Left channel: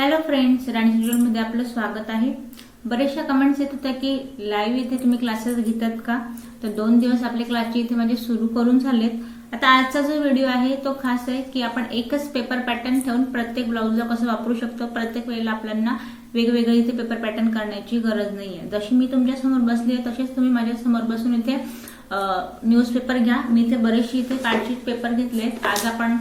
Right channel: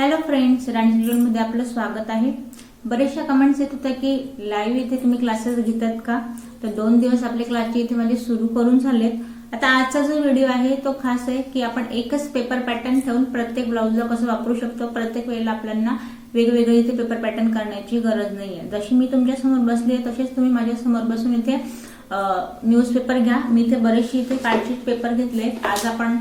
Hello friends, राणी शेड्यूलमध्ये आपलं स्वागत आहे। बरेचशा कमेंट्स येत होत्या की लाईव्ह इथे तुम्ही क्लासेस घेतात का? तर 2 दिवस आपले क्लासचे इथे म्हणजे सुरू करून झालेत। आता आजचा जो व्हिडिओ आहे तो खास आहे की आपण एकच पेपर पॅटर्न ठेवून प्रत्येक ब्लाउजला कसं वापरू शकतो। प्रत्येक वेळेला आपल्याला वेगवेगळे इथे पेपर पॅटर्न करण्याची गरज नाहीये। जशी मी तुमच्या समोर बसली आहे तसेच तुम्ही माझ्या समोर बसून इथे न्यूजपेपर घ्या। मी इथे बरेचसे इथे कार्डशीट पेपर घेतलेत। आज आपण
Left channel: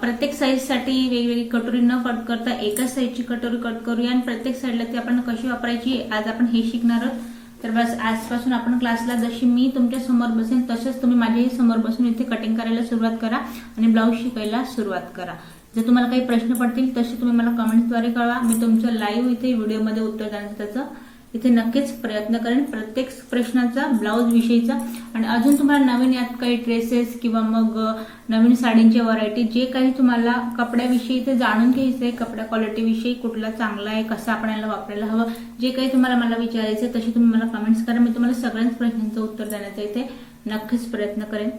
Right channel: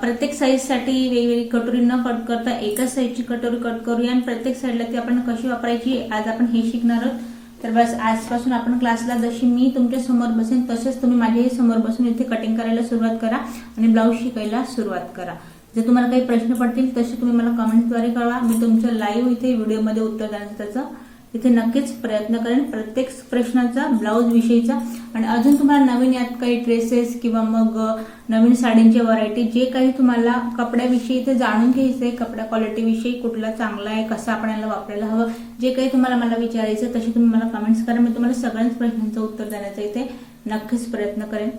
प्रत्येक साईज साठी वेगवेगळी कटोरी न कट करता एकाच साईजची कटोरी कट करूया आणि प्रत्येक साईडला ती आपण कशी वापरायची आज आपण हे शिकणार आहोत। तर बस आजपासून आपण क्लासला जशी मी तुमच्या समोर बसेन तसेच तुम्ही माझ्याही समोर बसून इथे कटिंग करायला सुरुवात करा आणि ब्लाऊज शिकायला सुरुवात करा। जर तुम्हाला काही प्रश्न पडतील तसे तुम्ही मला कमेंट्सद्वारे कळवा। मी तुमचं लाईव्ह इथे व्हिडिओमध्ये उत्तर देण्याचं इथे नक्कीच प्रयत्न करेन, प्रत्येक प्रश्नाचा ब्लाऊज विषयीचा। आणि अजून तुम्हाला नवीन यात काही ड्रेसेस किंवा मग नवीन साडींची व्हरायटी जे काही तुम्हाला कपड्याविषयी इथे जाणून घ्यायचंय, कपडा क्वालिटी विषयी कुठला चांगला आहे, कसं आपण याला वापरायला हवं, जे काही तुम्हाला मला विचारायचं तशी तुम्ही मला कमेंट्स करा। मी तुम्हाला सगळ्याच प्रश्नांचं उत्तर देण्याचा इथे नक्कीच प्रयत्न करेन।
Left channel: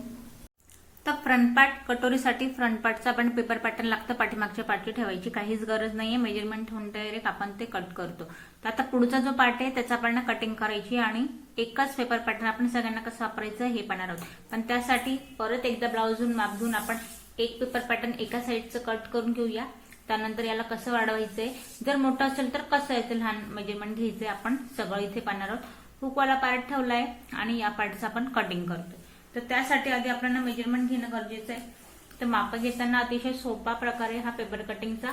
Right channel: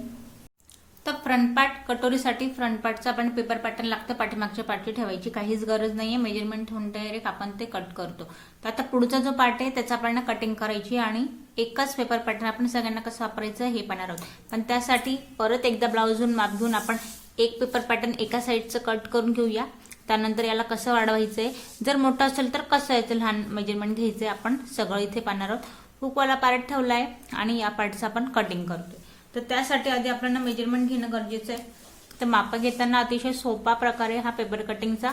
तर फ्रंट पार्ट कटोरीसाठी फ्रंट पार्टचा आपण पेपर पॅटर्न लागतं, पाठीमागच्या पार्टची ठेवायची काहीच गरज नाहीये। मेजरमेंट ठेवून डायरेक्ट आपण ते कट करतो। तर आता पुढचा जो पार्ट आहे त्याचा आपण कटिंग करायची आणि एकच पेपर पॅटर्न आपण सगळ्यांना कसं वापरायचं हे पाहणार आहोत। पण त्यासाठी परत एकदा ब्लाऊजहून माप घेऊन आपण एक पेपर पॅटर्न एका साईडचं कट करून घेऊया। त्यानंतर याला कसं वाढवायचंय, जर मोठं असेल तर कसं याचं लहान मेजरमेंट घ्यायचंय आपण सगळं इथे पाहणार आहोत। हुकवाला पार्ट ठेवलाय आणि या पार्टचं आपण कटिंग करतोय। तर त्यासाठी आधी आपल्याला मेजरमेंट घेणं गरजेचं आहे। तर माप घेताना अतिशय सोपा प्रकारे हा पेपर कटिंगचा।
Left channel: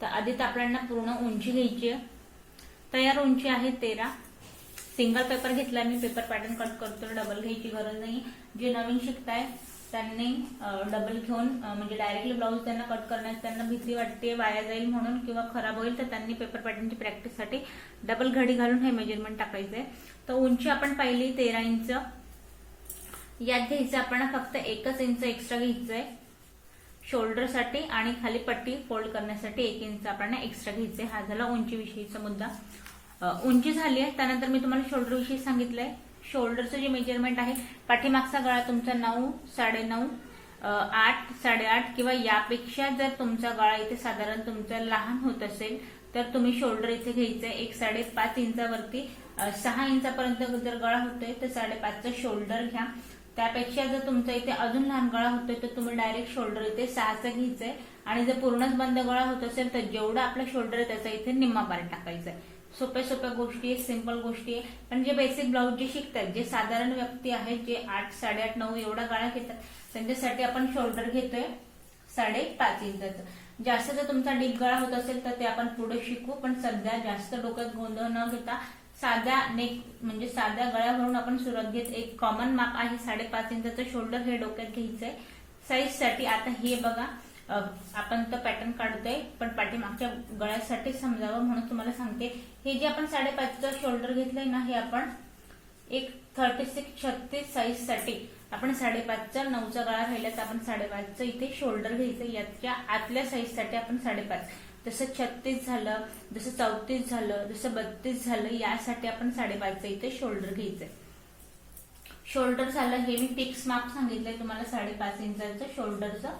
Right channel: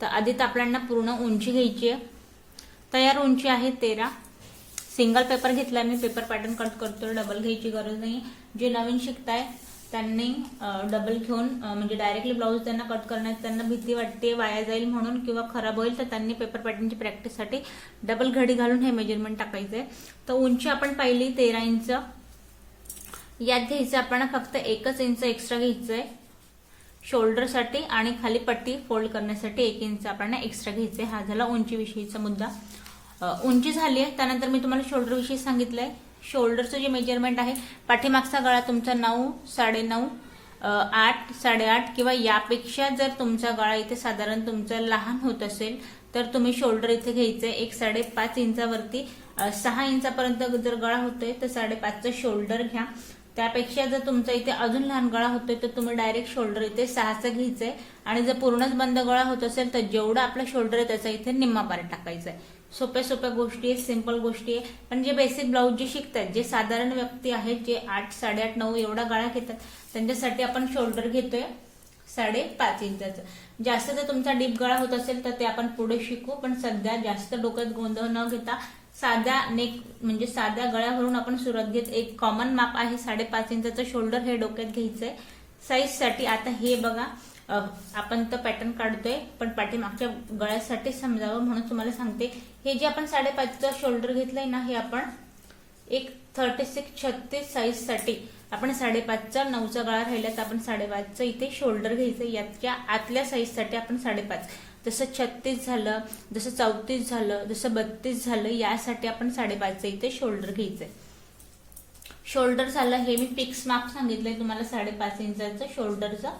तर आधी तर आपल्याला पूर्ण उंची घ्यायची आहे। तयार उंची आहे 13। सिंगल पेपर घेतलाय मी, पेपर पॅटर्न कट करतोय, डबल घ्यायची गरज नाही। जे नवीन शिकताय त्यांनी डबल घेऊन म्हणजे डायरेक्टली ब्लाऊज त्यांना कट करण्यात त्यांना भीती वाटते वाया जाईल म्हणून किंवा खराब होईल, तर त्यांनी पेपर पॅटर्नची प्रॅक्टिससाठी डबल घडी घालून हे मेजरमेंट टाकायचंय। तर उंची आपण पाहिली 13 इंच, यात घ्यायचं आपण फक्त 1 इंच एक्स्ट्रा घ्यायचंय शोल्डर साठी आणि खाली पट्टी फोल्ड करण्यासाठी 1 इंच आपण एक्स्ट्रा घ्यायचंय। हा झाला उंची विषयीचा मुद्दा। उंची झाली आहे, त्यानंतर मी तुम्हाला शोल्डर विषयी सांगितलंय। शोल्डरचं जे मेजरमेंट आहे, पाठीमागचा गळा तुमचा 9, 9.5, 8, 8.5 किंवा यापेक्षा जर तुमचा गळा इथे साधारण तुमचा लहान होत असेल तर तुम्ही शोल्डर इथे घ्यायचंय 1.5 इंचावरती। 6 इंचापर्यंत जर गळा होतोय तर 5.5चं शोल्डर घ्या। त्यापेक्षा जर तुमचा इथे अजून लहान गळा होतोय तर तुम्ही डायरेक्ट शोल्डर इथे 6चं घ्यायचंय आणि जर पूर्णच बंद गळा होत असेल तर जेवढा आपला शोल्डर आहे त्याचा इथे निम्मा पार्ट टाकायचा आहे। सोप्या सोप्या गोष्टी आहेत, सिंपल गोष्टी आहे। पण जे बेसिक ब्लाऊज जे शिकतात, जे साधारण व्यक्ती आहेत जे 8, 8.5, 9 एवढा गळा घेतात त्यांच्यासाठी आपण शोल्डर घेतोय 5.5 इंचाचं। जास्त जर तुमचा डीप गळा होत असेल तर ते आपण पुढे शिकू, पण सध्या जास्त डोक्यात गोंधळ न घेता साध्या नेक म्हणजे साध्या गळ्यावरून आपण सुरुवात घेत। एक कॉमन माप आहे 5.5 इंचाचं शोल्डर, हे डोक्यात घ्यायचंय साईज साठी। आता हे बघा आपण तर पॅटर्न काढतोय पण पाठीमागच्या गळ्यासाठी समजावं म्हणून तुम्हाला सांगते। हे जे आपण 5.5चं शोल्डर घेतलंय ना, हे आपण एक 36 साईज साठी आपण 5.5चा 9चा गळा राहिला तर आपण 5.5चं इथे शोल्डर घ्यायचं। याच्या आतल्या साईज साठी आपण 5.5, जसं 36 झालं, जसं 34 झालं, जसं 32 झालं, यासाठी आपण 5.5चं इथे शोल्डर घ्यायचंय। शोल्डर झालं, हे मी फिक्स माप सांगितलंय तुम्हाला 5.5 इंचाचं शोल्डरचं।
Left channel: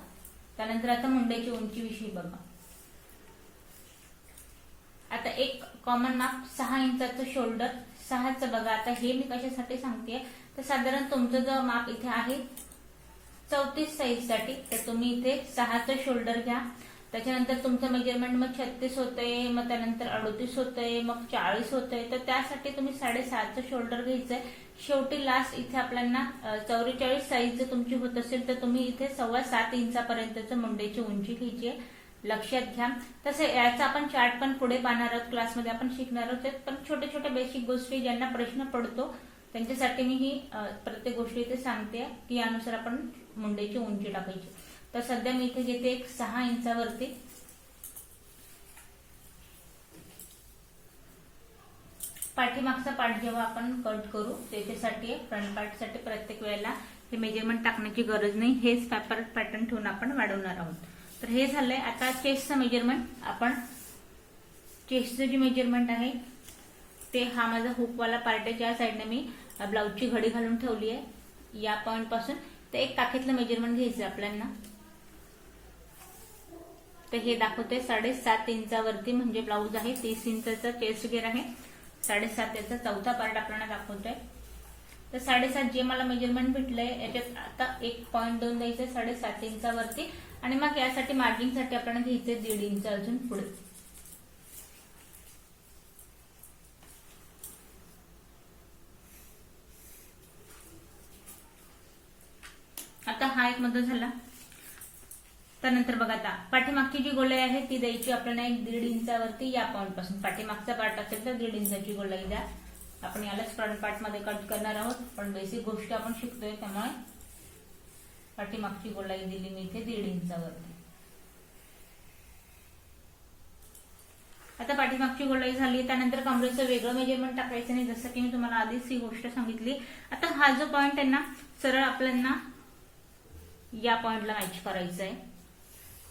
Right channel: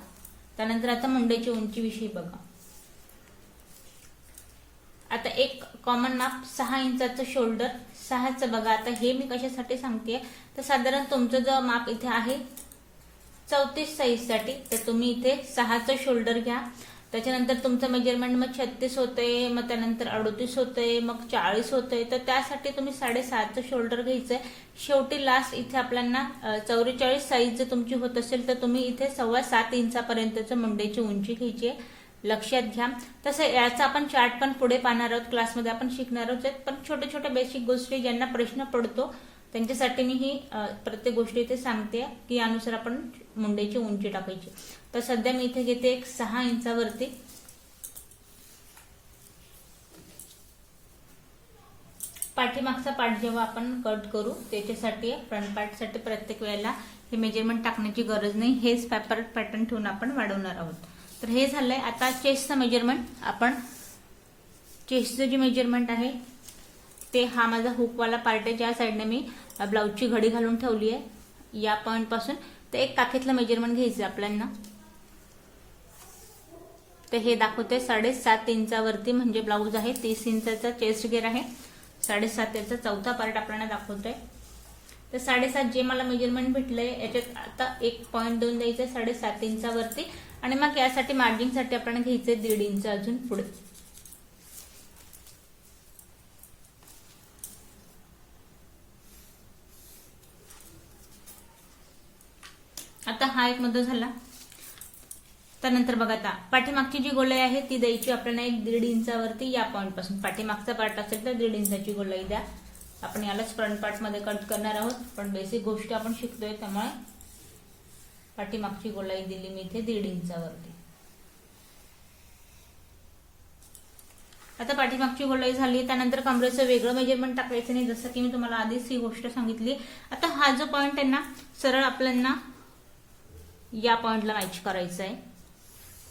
त्यानंतर आता मुंड्याची उंची विषयी बघा। आता एक कॉमन माप 6 इंचाचं शोल्डर, 6चं बघा। आता हे मी कशासाठी सांगतेय तर साधारण तुमचं जो माप इथे आहे 34 साईज साठी, तर तुम्ही इथे 6चं शोल्डर घ्या। त्याच्यानंतर तुमचं मेजरमेंट मग 36 होतंय, मग त्यानंतर 38 होतंय, मग 40 होतंय, तर त्यासाठी तुम्ही 7.5चं शोल्डर घ्यायचंय। शेवटी लास्ट इथे आपल्याला 44 साईज जर तुमची होत असेल तर तुम्ही इथे 7.25 इंचापर्यंतचं मुंड्याची उंची घ्यायची आहे, लक्षात घ्या। तसं याचा आपण चार्ट पण पुढे पाहणार आहोत, क्लासमध्ये आपण शिकणार आहोत। पण छोट्या छोट्या बेसिक गोष्टी ज्यांना प्रश्न पडतो त्यांच्यासाठी मी ही प्रत्येक गोष्टी इथे सांगते की यानुसार आपण मुंड्याची उंची टाकायची। तर सध्या मी इथे घेते एक 6 इंचावरती। पाठीमागचा पार्ट जेव्हा आपण कट करू त्याच्यासाठी फ्रंट पार्ट साठी प्रत्येक वेळेला हे मेजरमेंट टाकण्याची गरज नाही, हेच पेपर पॅटर्न ठेवून आपण वाढवणार आहोत। तर हे झालंय। आता चेस्टचं मेजरमेंट, आपण चेस्टचं जे मेजरमेंट आहे ते हा माझा हुकवाला पार्ट आहे, ज्या साईडने मी ब्लाऊजची घडी घालून ठेवली आहे या पॉइंट पासून ते एक काखेतलं मेजरमेंट घ्यायचं आपल्याला। तर हे दाखवते 7.5 इंचावरती म्हणजे ब्लाऊज आहे. 30 इंचाचा चेस्ट घेर आहे. 7.5 याचा चौथा पार्ट आपल्याला दाखवतोय. तर 7.5 जे मला मेजरमेंट भेटलंय याच्यात आता 1.2 द्यायचंय 7.5 इंचावरती आणि मग यासाठी मार्जिनसाठी आपल्याला घ्यायचंय 1.5 इंच अजून पुढे. आता हा एक मध्य झाला. त्यानंतर बघा आता पाठीमागची जी गोलाई आहे ती द्यायची आपल्याला 1.5 इंचावरती या पॉइंट पासून. पाठीमागचा पार्ट असेल तर 1.5 इंचाची गोलाई द्या. आपण यालाच फ्रंट पार्ट मध्ये कट करणार आहोत, पण बेसिक गोष्ट आपण शिकतोय त्यामुळे पाठीमागची गोलाई दिली मी इथे 1.5 इंचावरती. आता पाठीमागची गोलाई झाली. त्यानंतर कमरेचं वेगळं मेजरमेंट टाकायचं नाही, जसं की मी तुम्हाला आधीच ही गोष्ट सांगितली. आता हा जो पॉइंट आहे ना सरळ आपल्याला या पॉइंटला मॅच करायचं आहे.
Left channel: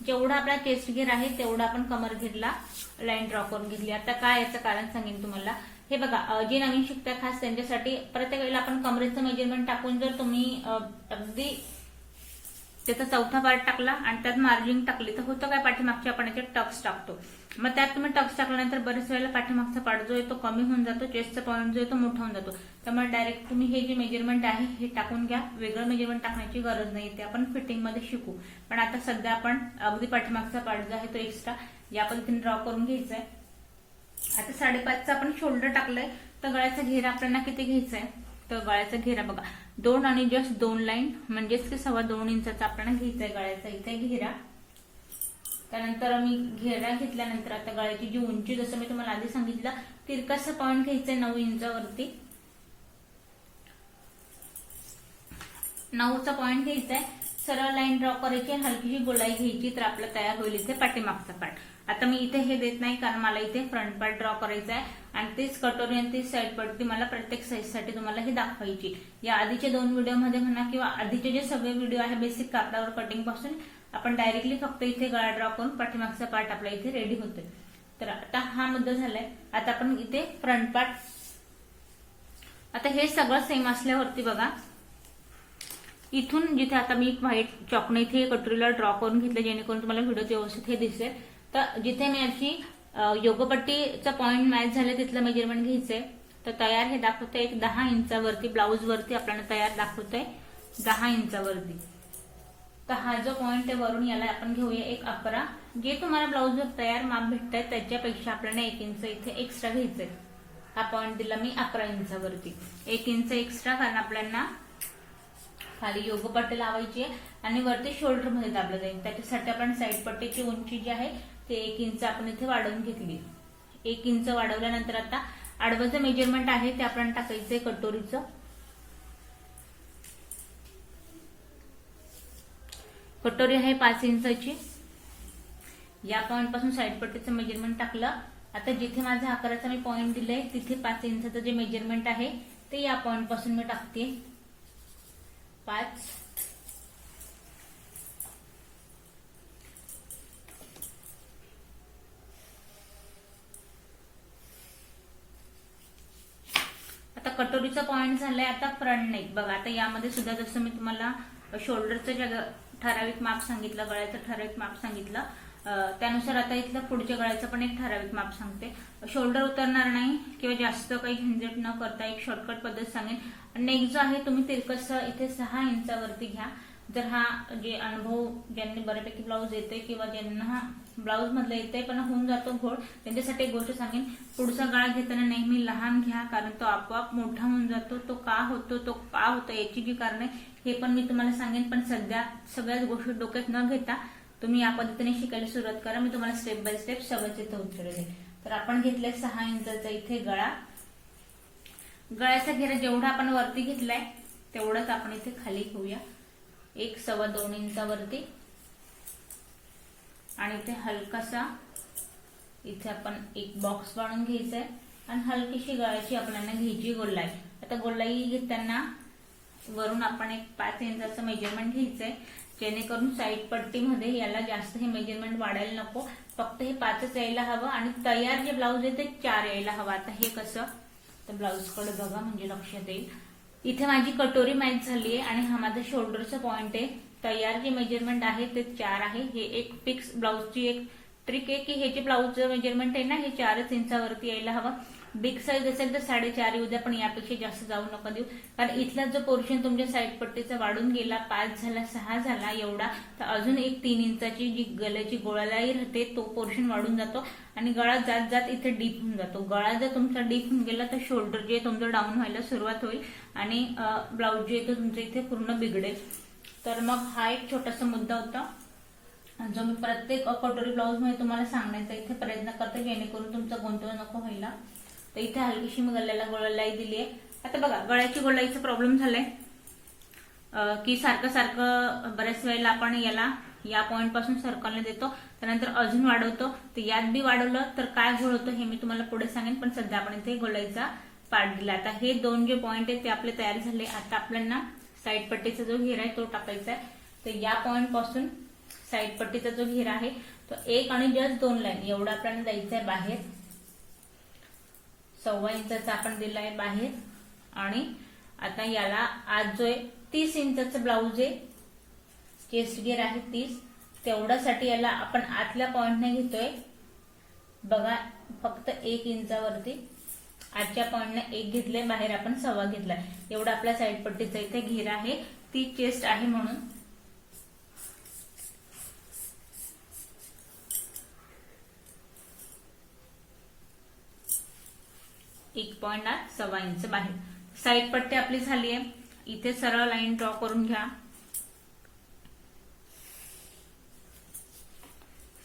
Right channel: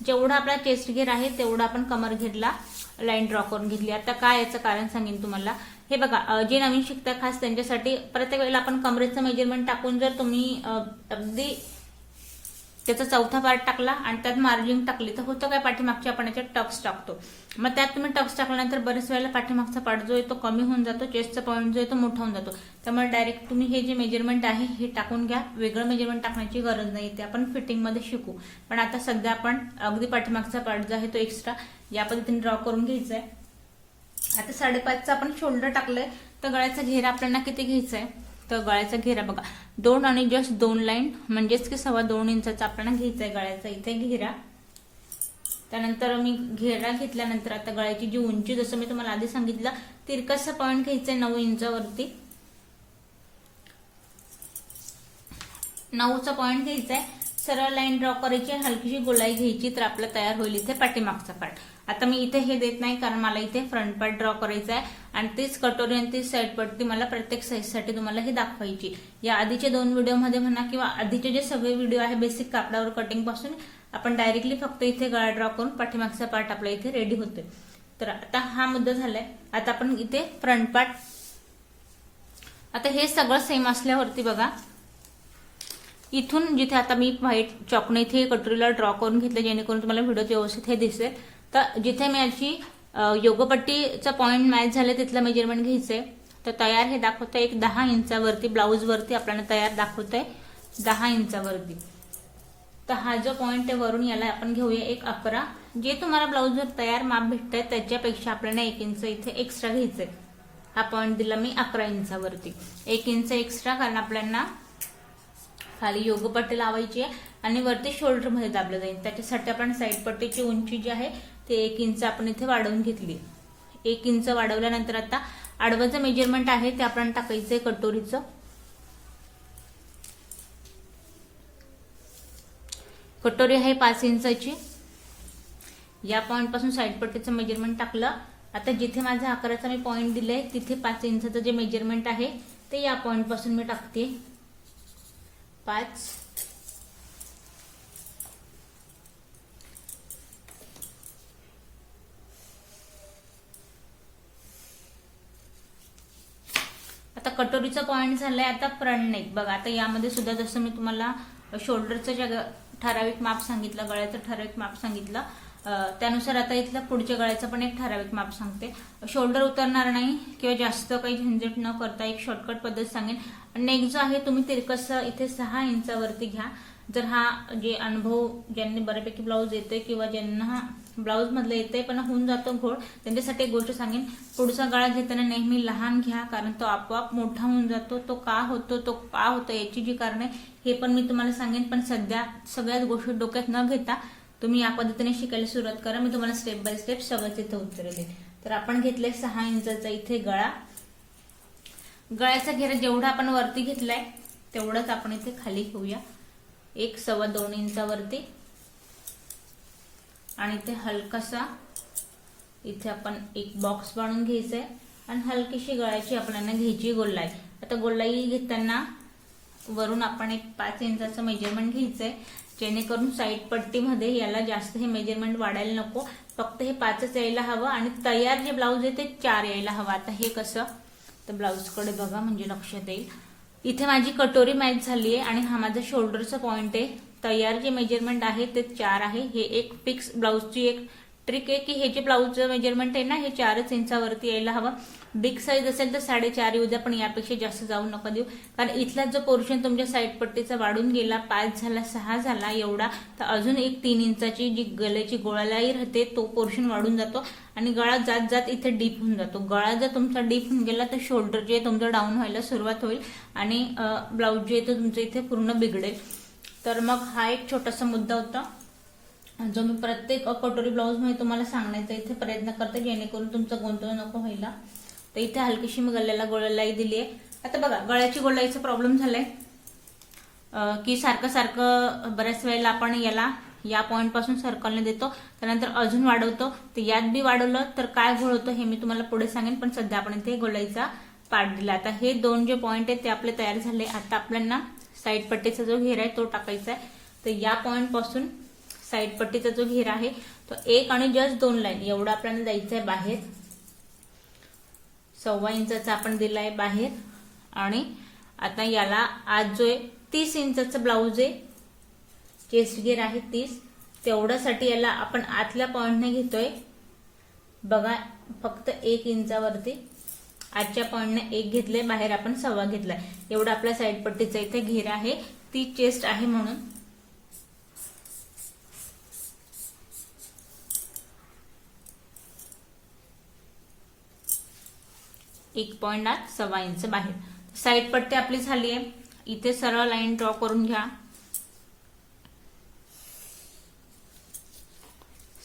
जेवढा आपला चेस्ट घेर आहे तेवढा आपण कमर घेरला लाईन ड्रॉ करून घेतली. आता काय याचं कारण सांगेन तुम्हाला. हे बघा जे नवीन शिकताय खास त्यांच्यासाठी प्रत्येक वेळेला आपण कमरेचं मेजरमेंट टाकून जर तुम्ही अगदी त्याचा चौथा पार्ट टाकला आणि त्यात मार्जिन टाकली तर होतं काय, पाठीमागचे आपण याच्यात टक्स टाकतो. मग त्यात तुम्ही टक्स टाकल्यानंतर बरेच वेळेला पाठीमागचा पार्ट जो आहे तो कमी होऊन जातो, चेस्टचा पॉईंट जो आहे तो मोठा होऊन जातो. त्यामुळे डायरेक्ट तुम्ही हे जे मेजरमेंट आहे हे टाकून घ्या. वेगळं मेजरमेंट टाकण्याची गरज नाही, ते आपण फिटिंगमध्ये शिकू. पण आता सध्या आपण अगदी पाठीमागचा पार्ट जो आहे तो एक्स्ट्रा या पद्धतीने ड्रॉ करून घ्यायचा आहे. आता 5.5चा आपण शोल्डर टाकलंय तर गळ्याचा घेरा आपल्याला किती घ्यायचा आहे, तर गळ्याचा घेरा बघा 2 आणि जस्ट 2 लाईन म्हणजेच की 2.25 इंचाचा आपल्याला घ्यायचा आहे गळ्याचा इथे घेरा. त्यानंतर मी घेरा घेतल्यानंतर आता गळ्याची जी उंची जसं मी तुम्हाला आधी सांगितलं तिरकसा पॉइंट घ्यायचा 9 इंचावरती. 9चा पॉइंट घ्यायचा आहे. सरळ लाईन ड्रॉ करायची, हलकीशी गोलाई घ्यायची तर आपलं तयार होईल इथे पाठीमागचा पार्ट. आता मी इथे हे देत नाही कारण मला इथे फ्रंट पार्ट ड्रॉ करायचा आहे आणि तीच कटोरी आणि तीच साईड पट्टी मला प्रत्येक साईजसाठी तुम्हाला हे दाखवायची. या आधीच्या 2 व्हिडिओमध्ये म्हणा किंवा आधीचे जे सगळे व्हिडिओ आहे बेसिक कापडावर कटिंग पासून आपण डायरेक्टली फक्त इथे गळा ड्रॉ करून पाठीमागचा पार्ट आपला इथे रेडी होतोय. तर आता हा मुद्दा झालाय. आता आपण इथे फ्रंट पार्ट, आता हे सगळं सेम असल्यावरती बघा इथून जिथे आता मी व्हाईट चॉकने इथे कटोरीला ड्रॉ करून घेतलं जेणेकरून तुम्हाला व्हिडिओ व्यवस्थित हे दिसेल. तर जिथे मी याची योगपट्टीचा पॉइंट मॅच झाले तिथलं मेजरमेंट घ्यायचंय. तर तयार हे दाखवतंय एक 10 इंचावरती ब्लाऊज वरती आपल्याला तयार दाखवतंय 10 इंचावरती. तर हा जो पॉइंट आहे वरून याला आपण घेऊया एक 11. जे तुम्हाला ब्लाऊजवर तयार माप भेटतंय त्याच्यापेक्षा आपल्याला 1 इंच इथे एक्स्ट्रा घ्यायचंय. हा पॉइंट दिला मी 11 इंचावरती, 1 इंच एक्स्ट्रा कारण आपल्याला खाली योगपट्टी लावायची आहे आणि वरती शोल्डर मध्ये दाबलं जाईल. त्याच्यासाठी आपण साईड पट्टीची उंची जी आहे ते 1 इंच आपण इथे वाढवून घेतली. 1 इंच वाढवल्यानंतर आता आडवं मेजरमेंट आहे ते आपण टाकायचंय कटोरीचं. कटोरी आहे 5 इंचाची. या पॉइंट पासून साईड पट्टीचं मेजरमेंट टाकलं. आता जिथे माझा आकाराचा मी पॉइंट दिलाय तिथे 5 इंचाचं जे मेजरमेंट आहे ते या पॉइंट पासून मी टाकते 5. आता कटोरीचा पॉइंट झालाय. आता फ्रंट नेक बघा. आता यामध्ये सुद्धा जसं मी तुम्हाला शोल्डरचं ठराविक माप सांगितलं, गळ्याचं ठराविक माप सांगितलं, त्यानुसार आता इथलं पुढच्या गळ्याचं पण एक ठराविक माप सांगते. शोल्डर उतरणार नाही किंवा जास्त काही झंझट न करता एक शॉर्टकट पद्धत सांगेन. नेक जो आहे तुम्ही तिरकस इथे 6 इंचावरती घ्या. जर हा जे अनुभव ज्यांनी बऱ्यापैकी ब्लाऊज येते किंवा ज्यांना ब्लाऊज मधलं येते पण होऊन जातो घोळ त्यांच्यासाठी एक गोष्ट सांगेन, पुढचा गळा घेताना नेहमी लहान घ्या कारण तो आपोआप मोठा होऊन जातो. तो का होतो, तो का होतो याची जी कारण आहे हे पण मी तुम्हाला सांगेन. पण सध्या सगळ्याच गोष्टी डोक्यात न घेता तुम्ही या पद्धतीने शिकायला सुरुवात करा. मी तुम्हाला स्टेप बाय स्टेप सगळंच इथे उत्तर देईन. तर आपण घेतलंय 6 इंचाचा इथे गळा. गळ्याचा घेरा जेवढा आपण वरती घेतलाय तेवढाच आपण इथे खाली घेऊया 1.25 इंचावरती. आणि इथे हलकासा इथे आपण एक बॉक्स बनवून घ्यायचा आहे आणि हलकीशी गळ्याची आपल्याला घ्यायची गोलाई. आता गोलाई घेताना वरून आपण एक 5 इंचाचं मेजरमेंट घ्यायचंय जेणेकरून साईड पट्टीमध्ये याला जास्त हे मेजरमेंट वाढायला नको, फक्त हे 5च यायला हवं आणि तयार जे ब्लाऊज आहे ते 4 यायला हवं. आता हे कसं, तर ब्लाऊज कडे बघा म्हणजे लक्षात येईल. इथे माझी कटोरी मॅच झाली आहे आणि हा माझा शोल्डरचा पॉइंट आहे तयार जे मेजरमेंट आहे ते 4 आहे. हे एक फिक्स ब्लाऊजची एक ट्रिक आहे की हे जे ब्लाऊजचं मेजरमेंट आहे ना हे 4 इंचावरती यायला हवं. बिग साईज असेल तर 4.5 येऊ द्या, पण यापेक्षा जास्त जाऊ नका देऊ, कारण इथला जो पोर्शन तुमच्या साईड पट्टीचा वाढून गेला, 5 झाला, 6 झाला एवढा, तर अजून एक 3 इंचाची जी गळ्याची गोळालाई राहते तो पोर्शन वाढून जातो आणि गळा जात जात इथे डीप होऊन जातो. गळा जर तुमचा डीप होऊन गेला तर शोल्डर जे तुमचं डाऊन व्हायला सुरुवात होईल आणि ब्लाऊज जे आहे तुमचं इथे पूर्ण बिघडेल. तर मग हा एक छोटासा मुद्दा होता जो मी प्रत्येक कटोरी ब्लाऊज मध्ये तुम्हाला सांगण्याचा इथे प्रयत्न करते, जेणेकरून तुमचा गोंधळ नको व्हायला. तर इथे हलकीशी मी गळ्याला गोळालाई दिली आहे. आता बघा गळ्याची गोळाईचा प्रॉब्लेम झालाय की सारखं सारखं बऱ्याच वेळेला आपण याला या पॉइंट पासून सर्कलने देतो, त्यानंतर अजून वाढवतो. तर यात बी वाढवलं तर काय घोळ होतं हे मी तुम्हाला पुढे सांगेन, पण सध्या आपण इथे गोळाईचा पार्ट दिला. आता हे 2 जे पॉइंट आहेत ते आपले तयार झाले. आता आपल्याला साईड पट्टीचा जो घेरा आहे तो टाकायचा आहे. तर या पॉइंट पासून साईड पट्टीचा जो घेरा आहे तो 1 आणि जस्ट 2 लाईन एवढा आपल्याला द्यायचा आहे बाहेर. 1.25 इंचाचा आपण दिलाय बाहेर. आणि आता याला आज जो आहे 30 इंचाचा ब्लाऊज आहे, चेस्ट घेर आहे 30, तेवढ्यासाठी याला आपण आतल्या पॉइंटने घेतोय. बघा फक्त 1 इंचावरती आजच्या पॉइंटने 1 घेतलंय, बाहेर आपण 1.25 घेतलाय. एवढा आपला साईड पट्टीचा इथे घेर आहे. ती चेस्ट आहे म्हणून 1.25 इंच बाहेर. साईड पट्टी आपली झाली आहे. इथे सरळ लाईन ड्रॉ करून घ्या.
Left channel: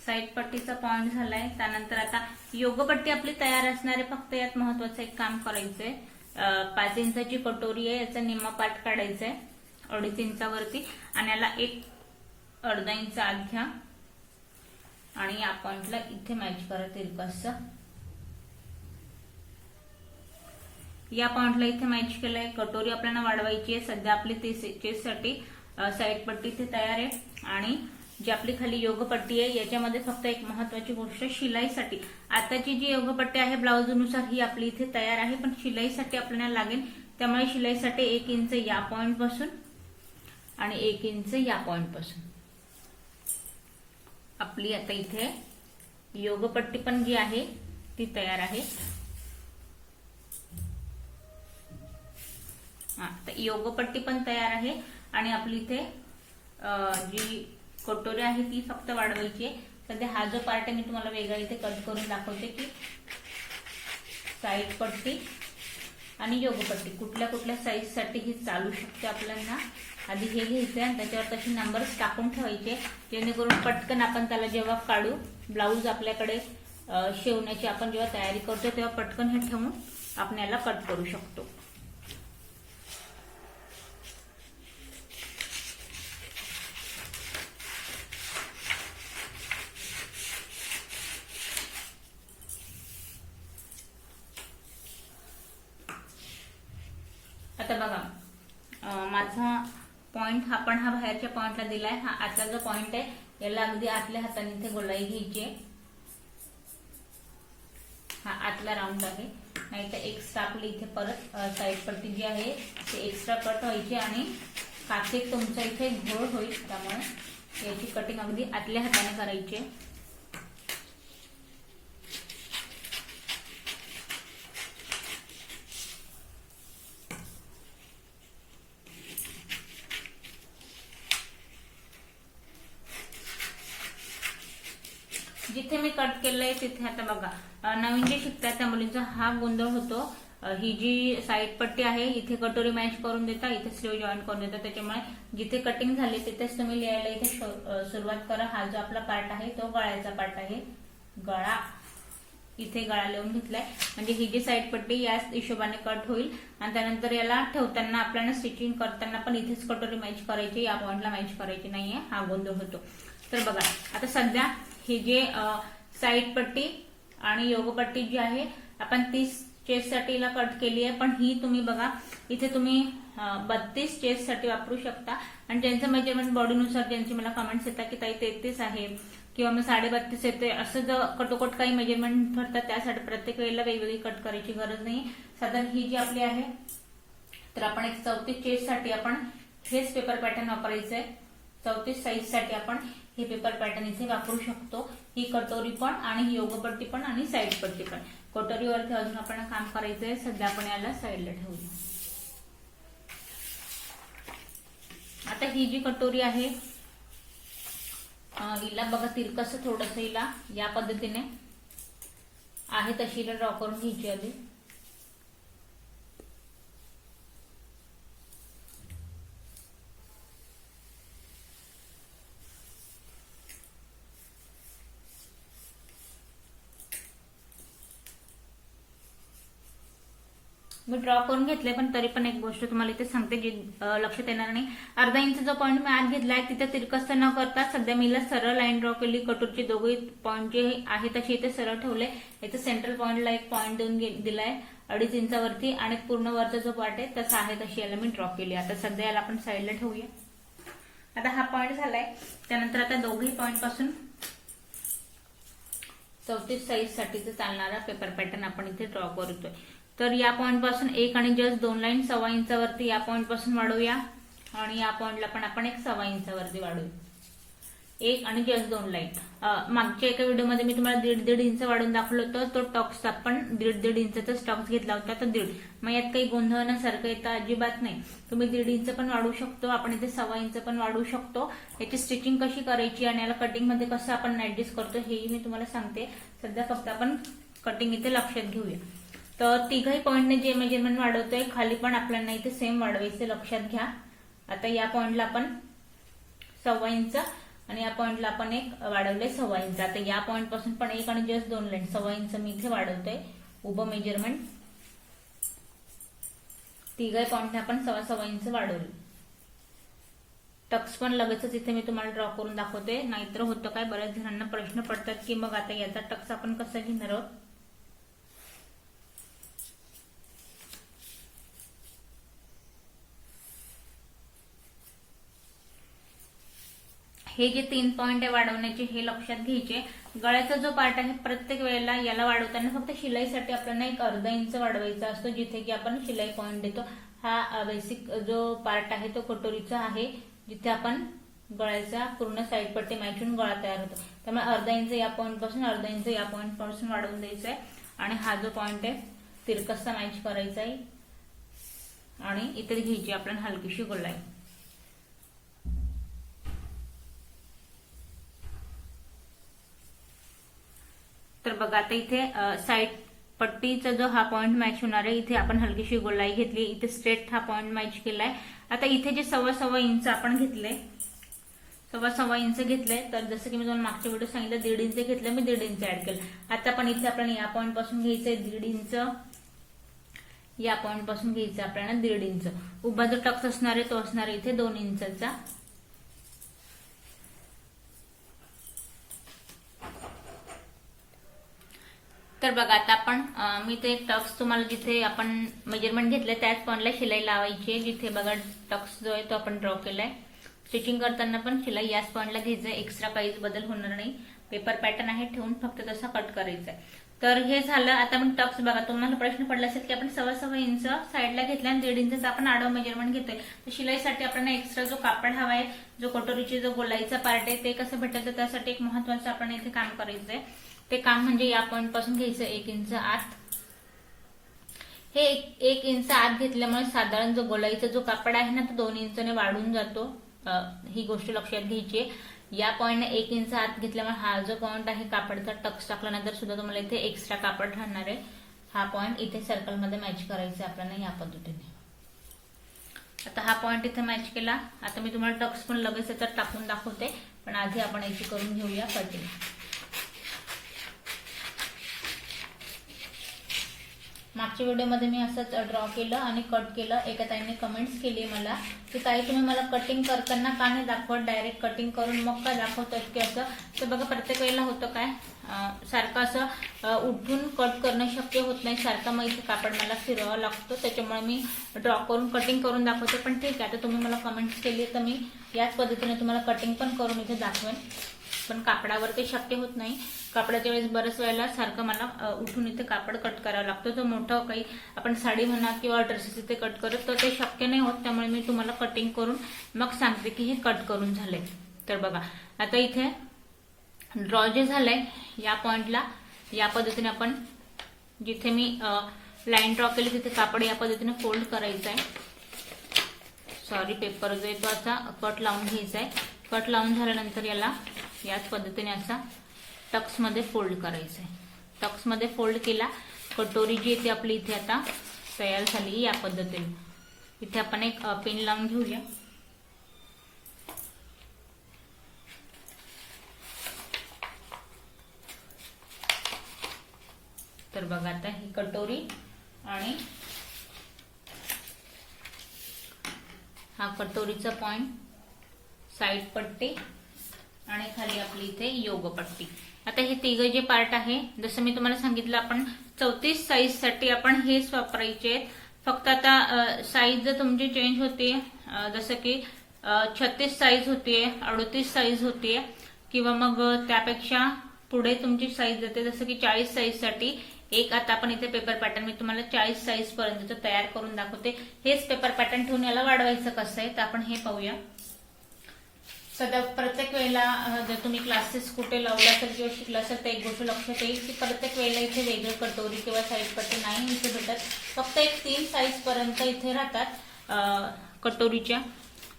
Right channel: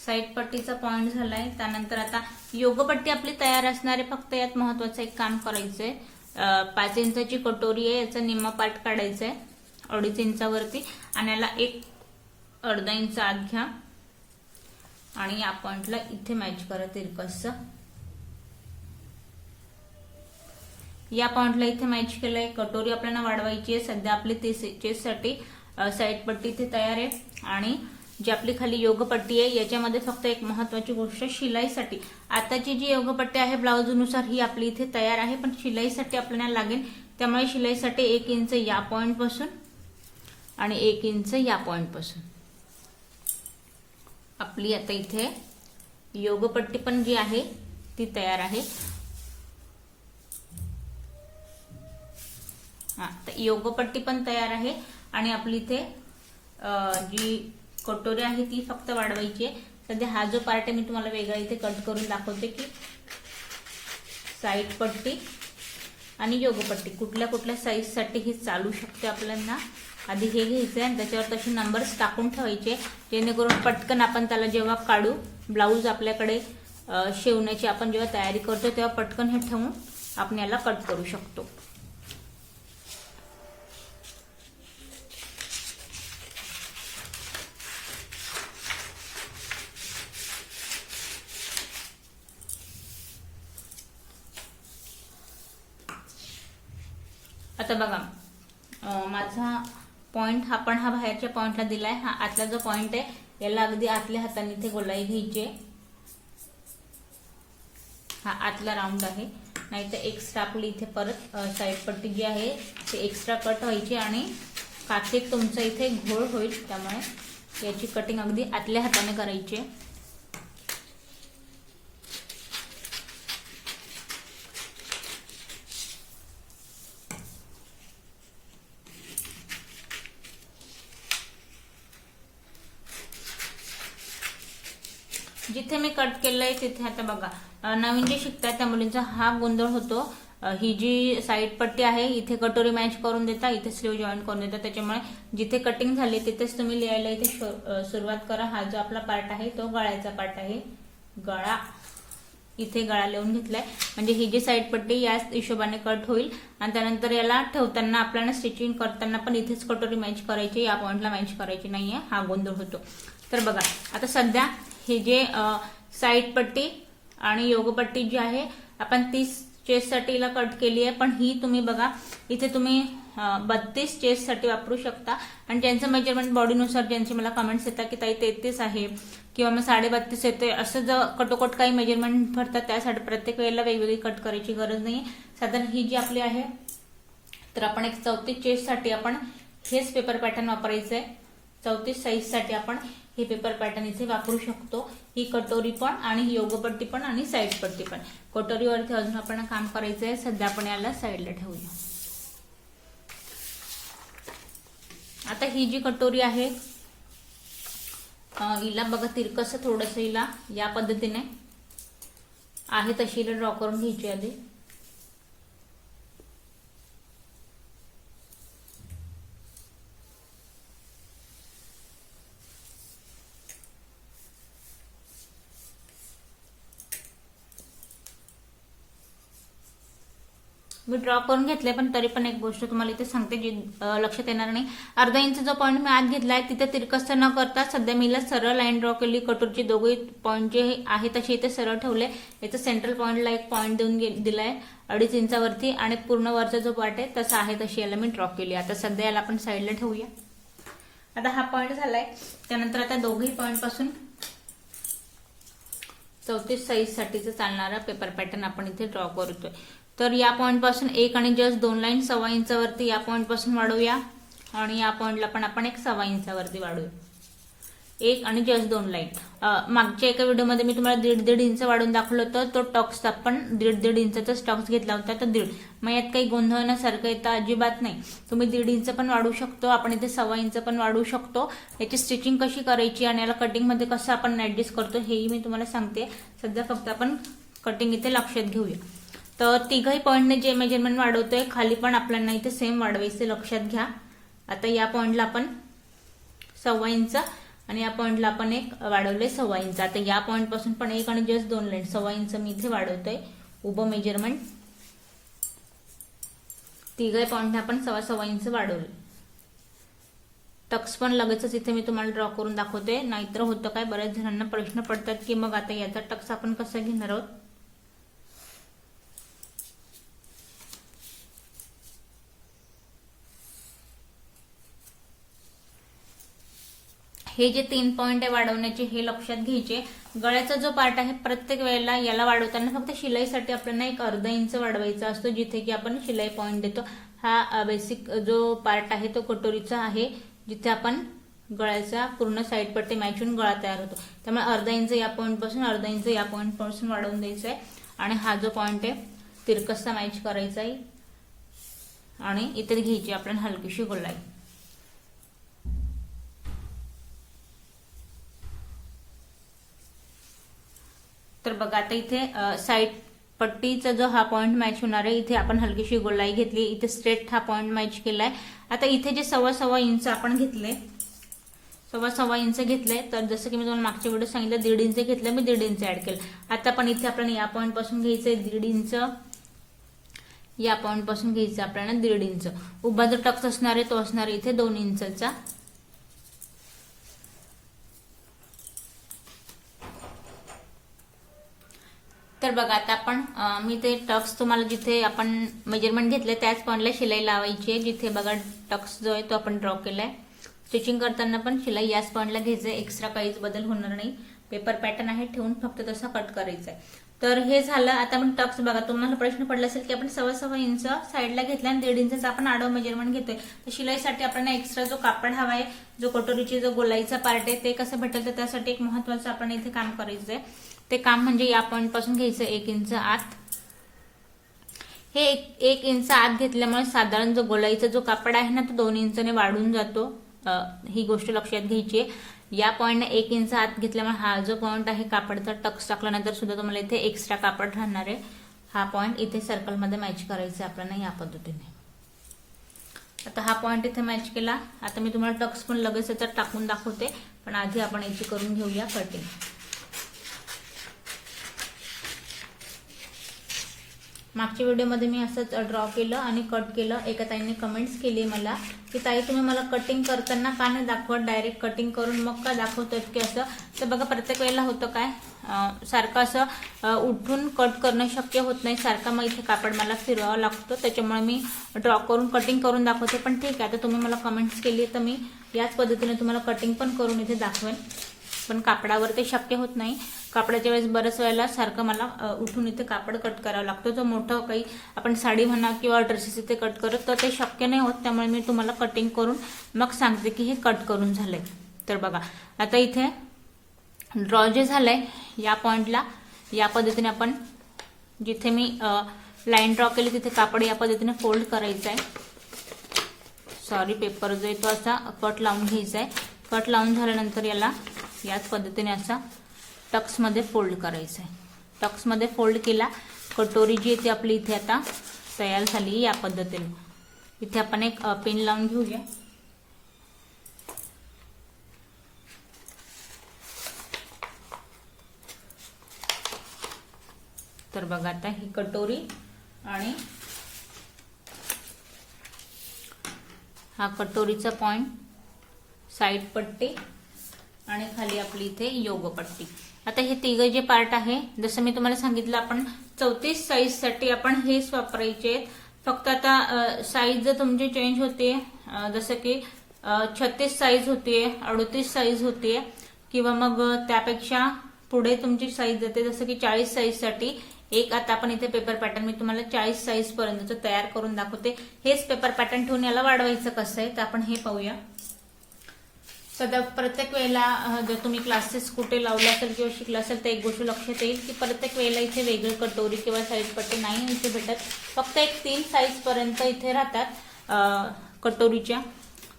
साईड पट्टीचा पॉइंट झालाय. त्यानंतर आता योगपट्टी आपली तयार असणारे, फक्त यात महत्वाचं एक काम करायचंय. 5 इंचाची कटोरी आहे, याचा निम्मा पार्ट काढायचा आहे 2.5 इंचावरती आणि याला 1.5 इंच आत घ्या आणि या पॉइंटला इथे मॅच करा तिरकसचा. या पॉइंटला इथे मॅच केलंय. कटोरी आपल्याला वाढवायची आहे. सध्या आपली 30 इंचेससाठी साईड पट्टी इथे तयार आहे. आणि जी आपली खाली योगपट्टी आहे याच्यामध्ये फक्त एक महत्वाची गोष्ट, शिलाईसाठी आताची जी योगपट्टी आहे ब्लाऊजनुसार ही आपली इथे तयार आहे, पण शिलाईसाठी आपल्याला लागेल. त्यामुळे शिलाईसाठी 1 इंच या पॉइंट पासून आणि 1 इंच या पॉइंट पासून आपली आता इथे योगपट्टी पण जी आहे ती तयार आहे. योगपट्टी पण तयार आहे आणि आपली इथे जी कटोरी आहे ती फक्त वाढवायची आहे. सध्या हा जो पार्ट आहे मी तुम्हाला वेगळा इथे कट करून दाखवते की साईड पट्टी आणि योगपट्टी कुठल्या कुठल्या साईज साठी ही चालू शकते आपल्याला. आधी हे घ्यायचंय आणि त्याच्यावर तसे नंबर्स टाकून ठेवायचे, जेणेकरून पटकन आपण त्याला जेव्हा काढू, ब्लाऊज आपल्याकडे शिवण्याची आपण जेव्हा तयारी करतो तेव्हा पटकन हे ठेवून आपण याला कट करू शकतो. आता बघा माझा पॉइंट हा बाहेरच्या पॉइंटला दिलाय. हा आतला जो पॉइंट आहे याला अगदी आतल्या हाताने इथे गोलाई घ्यायची आहे. हा आतला राऊंड आहे, नाहीतर एक्स्ट्रा आपली इथे परत साईड पट्टी जी आहे ती एक्स्ट्रा कट व्हायची आणि काकीत तुमचा इथे घोळ होईल. त्यामुळे याची कटिंग अगदी आतल्या हाताने करायची आहे. जिथे मी कट केलंय तिथे आता बघा नवीन जे शिकतात त्या मुलींचा हा गोंधळ होतो. ही जी साईड पट्टी आहे इथे कटोरी मॅच करून देता, इथे स्लीव जॉईन करून देता. त्याच्यामुळे जिथे कटिंग झाली तिथेच तुम्ही लिहायला इथे सुरुवात करा. हा जो आपला पार्ट आहे तो गळ्याचा पार्ट आहे. गळा इथे गळा लिहून घेतलाय, म्हणजे ही जी साईड पट्टी याच हिशोबाने कट होईल. आणि त्यानंतर याला ठेवताना आपल्याला स्टिचिंग करताना पण इथेच कटोरी मॅच करायची, या पॉइंटला मॅच करायची नाहीये. हा गोंधळ होतो. तर बघा आता सध्या हे जे साईड पट्टी आणि योगपट्टी जी आहे आपण 30 चेस्ट साठी कट केली आहे, पण ही तुम्ही बघा इथे तुम्ही 32 चेस्ट साठी वापरू शकता. आणि ज्यांचं मेजरमेंट बॉडीनुसार ज्यांची मला कमेंट्स येतात की ताई 33 आहे किंवा मग 32.5 येते, असं जर कटोकट काही मेजरमेंट भरतात त्यासाठी प्रत्येक वेळेला वेगवेगळी कट करायची गरज नाही. साधारण ही जी आपली आहे तर आपण एक 34 चेस्ट साठी आपण हेच पेपर पॅटर्न वापरायचंय. 34 साईज साठी आपण हे पेपर पॅटर्न इथे वापरू शकतो। ही कटोरी पण आणि ही योगपट्टी पण आणि साईड पट्टी पण। कटोरीवरती अजून आपण काम करायचंय, सध्या आपण याला साईडला ठेवूया। आता ही जी कटोरी आहे हिला बघा तिरकस थोडस हिला या पद्धतीने आहे तशी ड्रॉ करून घ्यायची आधी। मी ड्रॉ करून घेतले, पण तरी पण एक गोष्ट तुम्हाला इथे सांगते जी लक्षात येणार नाही। अर्धा इंच जो पॉईंट मी आत घेतलाय तिथे तिरकस न करता सध्या मी सरळ लाईन ड्रॉ केली। कटोरीचे दोघे पॉईंट जे आहे तसे इथे सरळ ठेवले। इथे सेंट्रल पॉईंटला एक पॉईंट देऊन दिलाय 2.5 इंचावरती आणि पूर्ण वरचा जो पार्ट आहे तसा आहे तशी याला मी ड्रॉ केली। आता सध्या याला आपण साईडला ठेवूया। आता हा पॉईंट झालाय, त्यानंतर आता दोघेही पॉईंट पासून 34 साईज साठीचा चालणारा पेपर पॅटर्न आपण इथे ड्रॉ करतोय। तर या पॉईंट पासून 1 आणि जस्ट 2 लाईन 1.25 इंचावरती या पॉईंट पासून वाढवूया आणि या पॉईंटला पण आपण 1.25 इंचावरती वाढवूया। 1 आणि जस्ट 2 लाईन। मागच्या एका व्हिडिओमध्ये मी तुम्हाला 1.5 इंच वाढवून दाखवलं होतं। तो टॉक्स आपण 1.5 इंचाचा टॉक्स घेतला होता, तर 1.5। मग यात काही गोंधळण्यासारखं येतं अजिबात नाही। तुम्ही 1.5 इंच पण वाढवू शकतो, आपण इथे 1.25 इंच पण वाढवू शकतो। याची स्टिचिंग कशी करायची आणि याला कटिंग मध्ये कसं आपण ऍडजस्ट करतो हेही मी तुम्हाला सांगते। सध्या फक्त आपण कटिंग इथे लक्षात घेऊया। तर तिघही पॉईंटने जे मेजरमेंट वाढवतोय खाली पण आपल्याला इथे सेम वाढवायचे, लक्षात घ्या। आता या पॉईंटला आपण 1.25 इंच आणि या पॉईंटला आपण एक वाढवले 1.25 इंच। आता या पॉईंट पासून पण 1 आणि जस्ट 2 लाईन 1.25 इंच मी इथे वाढवतोय उभं मेजरमेंट। तिघही पॉईंटने आपण 1.25 इंच वाढवले। टक्स पण लगेचच इथे मी तुम्हाला ड्रॉ करून दाखवते, नाहीतर होतं काय बऱ्याच जणांना प्रश्न पडतात की मग आता याचा टक्स आपण कसा घेणार आहोत। हे जे 3 पॉइंट आहे वाढवण्याचे हे लक्षात घ्यायचे। गळ्याचा जो पार्ट आहे प्रत्येक वेळेला याला वाढवताना फक्त शिलाईसाठी आपल्याला एक अर्धा इंच वाढवायचा असतो, जिथे की आपण शिलाई पॉइंट देतो। हा बेसिक जो पार्ट आहे तो कटोरीचा आहे, जिथे आपण गळ्याचा पूर्ण साईड पट्टी मॅच होऊन गळा तयार होतो। त्यामुळे अर्धा इंच या पॉइंट पासून अर्धा इंच या पॉइंट पासून वाढवून द्यायचा आहे आणि हा जो पॉइंट आहे तिरकसा मॅच करायचा आहे आणि इथे घ्यायची आपण हलकीशी गोलाई। तर बघा आता इथे साइड पट्टीचा जो हा पॉइंट मॅच होणार आहे इथे आपण हलकीशी गोलाई घेतली, इथे स्ट्रेट हा पॉइंट मॅच केलाय। आता इथे जे 1.25 इंच आपण घेतले 1.25 इंच घेतले, तर जसं की मी तुम्हाला मागच्या व्हिडिओ सांगितलं 1.5 इंच घेतले, मी 1.5 इंच ऍड केलं। आता पण इथे आपण या पॉइंट पासून घ्यायचंय 1.5 इंच, या पॉइंट पासून घ्यायचं आपल्याला 1.5 इंच। उभा जो टक्स असणार आहे तो असणार इथे 2 इंचचा। तर बघा आता आपण मी ते टक्स तुम्हाला जिथे आपण मेजरमेंट घेतलं त्याच पॉइंटला शिलाई लावायची आहे, जिथे बघा टक्स जो आहे तो आपण ड्रॉ केलाय। स्टिचिंग करताना पण शिलाई याच पॉइंटला घ्यायचं, एक्स्ट्रा काहीच बदल होणार नाही। पेपर पॅटर्न आहे ठेवून फक्त तसा कट करायचा आहे। तर हे झालं। आता आपण टक्स बघा, तुम्हाला प्रश्न पडला असेल की आपण 1.25 इंच साईडला घेतला आणि 1.5 इंचचा आपण आडवा मेजरमेंट घेतोय, तर शिलाईसाठी आपल्याला एक्स्ट्रा जो कापड हवाय, जो कटोरीची जो गोलाईचा पार्ट आहे ते कसं भेटेल, तर त्यासाठी एक महत्वाचं आपण इथे काम करायचंय। ते काम म्हणजे या पॉइंट पासून घ्यायचं 1 इंच आत। हे 1 इंच आत घेतल्यामुळे साधारण जो गोलाईचा जो कापड आहे ना तो 2 इंचाने वाढून जातो, ही गोष्ट लक्षात घ्यायची। या पॉइंटने 1 इंच आत घेतल्यामुळे हा जो पॉइंट आहे कापडचा टक्स टाकल्यानंतर सुद्धा तुम्हाला इथे एक्स्ट्रा कापड राहणार आहे। हा पॉइंट इथे सर्कलमध्ये मॅच करायचा आपल्याला या पद्धतीने। आता हा पॉइंट इथे मॅच केला। आता मी तुम्हाला टक्स पण लगेच याच्यात टाकून दाखवते, पण आधी आपण याची करून घेऊया कटिंग। मागच्या व्हिडिओमध्ये मी असंच ड्रॉ केलं आणि कट केलं। एका ताईने कमेंट्स केली मला की ताई तुम्ही मला कटिंग करताना का नाही दाखवत, डायरेक्ट कटिंग करून मग का दाखवतात की असं। तर बघा प्रत्येक वेळेला होतं काय, सारखं असं उठून कट करणं शक्य होत नाही, सारखं मग इथे कापड मला फिरवावं लागतं, त्याच्यामुळे मी ड्रॉ करून कटिंग करून दाखवते। पण ठीक आहे, आता तुम्ही मला कमेंट्स केली तर मी याच पद्धतीने तुम्हाला कटिंग पण करून इथे दाखवेन, पण कापडावर ते शक्य होत नाही। कापडाच्या वेळेस बऱ्याच वेळेला सारखं मला उठून इथे कापड कट करावं लागतो. तो मोठं काही आपण साडी म्हणा किंवा ड्रेसेस इथे कट करत तर ते शक्य नाही होत. त्यामुळे मी तुम्हाला कटिंग करून मग सांगते की हे कट करून झालंय. तर बघा आता इथे ड्रॉ जे झालंय या पॉइंटला या पद्धतीने आपण जिथे मी लाईन ड्रॉ केली तिथे कापड या पद्धतीने फोल्ड करायचं आहे. सॉरी पेपर जो आहे तो असा कट लावून घ्यायचा आहे. कट लावून झाल्यानंतर याला याच पद्धतीने असा टक्समध्ये फोल्ड करायचं आहे. टक्समध्ये फोल्ड केला. कटोरी जी आहे ती आपली इथे आता तयार झाली या पद्धतीने. इथे आपण एक पिन लावून घेऊया. तर बघा आता ही कटोरी आणि हा कटोरीचा पॉइंट, साईड पट्टी आणि खाली आपली इथे योग पट्टी. आता हे तिघं जे पार्ट आहे जसं मी तुम्हाला सांगितलं आपण 34 साईज साठी आपण हेच वापरायचे आहेत. फक्त आता साईज जर तुमची चेंज होते जसं की 36 साईज होतीये, 38 साईज होतीये किंवा मग त्यापेक्षा पुढे तुमची साईज जाते जसं की 40 साईज साठी एक आता आपण इथे पेपर पॅटर्न मी तुम्हाला 40 साईज पर्यंत तयार करून दाखवते. हेच पेपर पॅटर्न ठेवून याला वाढवायचं कसं आहे तर आपण हे पाहूया. सध्या प्रत्येक वेळेला जर तुम्ही क्लासेस कुठे लावला असेल किंवा शिकला असेल तर एक गोष्ट लक्षात येईल की प्रत्येक वेळेला इथे वेगळी कटोरी किंवा साईज पट्टी नाही इथे भेटत. फक्त एक 3 साईज पर्यंत इथे राहतात कटोरीच्या.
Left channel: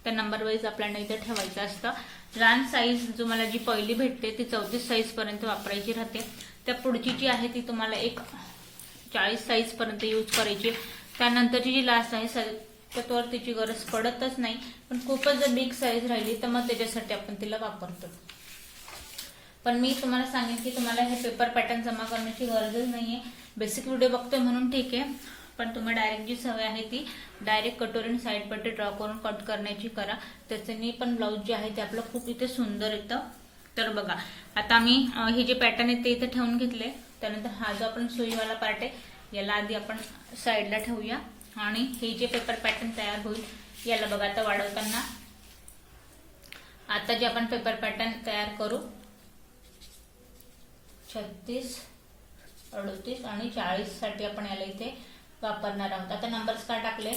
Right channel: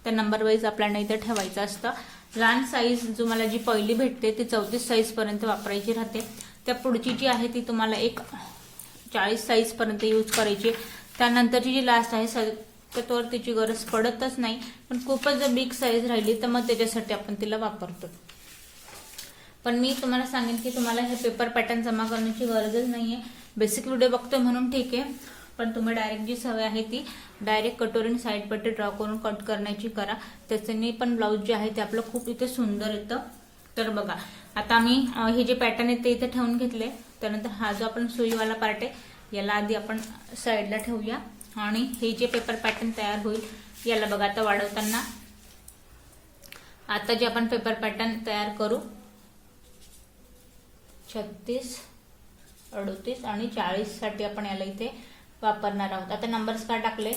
त्या नंबर वाईज आपल्याला इथे ठेवायचं असतं. लहान साईज जो मला जी पहिली भेटते ती 34 साईज पर्यंत वापरायची राहते. त्या पुढची जी आहे ती तुम्हाला एक 40 साईज पर्यंत यूज करायची. त्यानंतरची जी लास्ट आहे त्यावर तिची गरज पडतच नाही. पण खूपच जर बिग साईज राहिली तर मग त्याच्यासाठी आपण तिला वापरतो. पण मी तुम्हाला सांगेन की तुम्हाला हे पेपर पॅटर्न जमा करण्याची गरजच नाहीये. बेसिक व्हिडिओ बघतोय म्हणून ठीक आहे. पण तुम्ही डायरेक्ट जी सवय आहे ती डायरेक्ट कटोरी साईड पट्टी ड्रॉ करून कट करण्याची करा. त्याच्याने पण ब्लाऊज जे आहे ते आपलं खूप इथे सुंदर येतं. तर बघा आता आम्ही हे जे पॅटर्न आहे ते इथे ठेवून घेतले. त्यानंतर हा जो आपण सुईवाला पार्ट आहे याला आधी आपण साईडला ठेवूया आणि हे जे पेपर पॅटर्न तयार होईल याला बघा आता वाढवताना आता जे आपण पेपर पॅटर्न तयार करू 36, 38 आणि 40 साठी आपण याला इथे वापरणार आहोत. आता नंबर्स का टाकले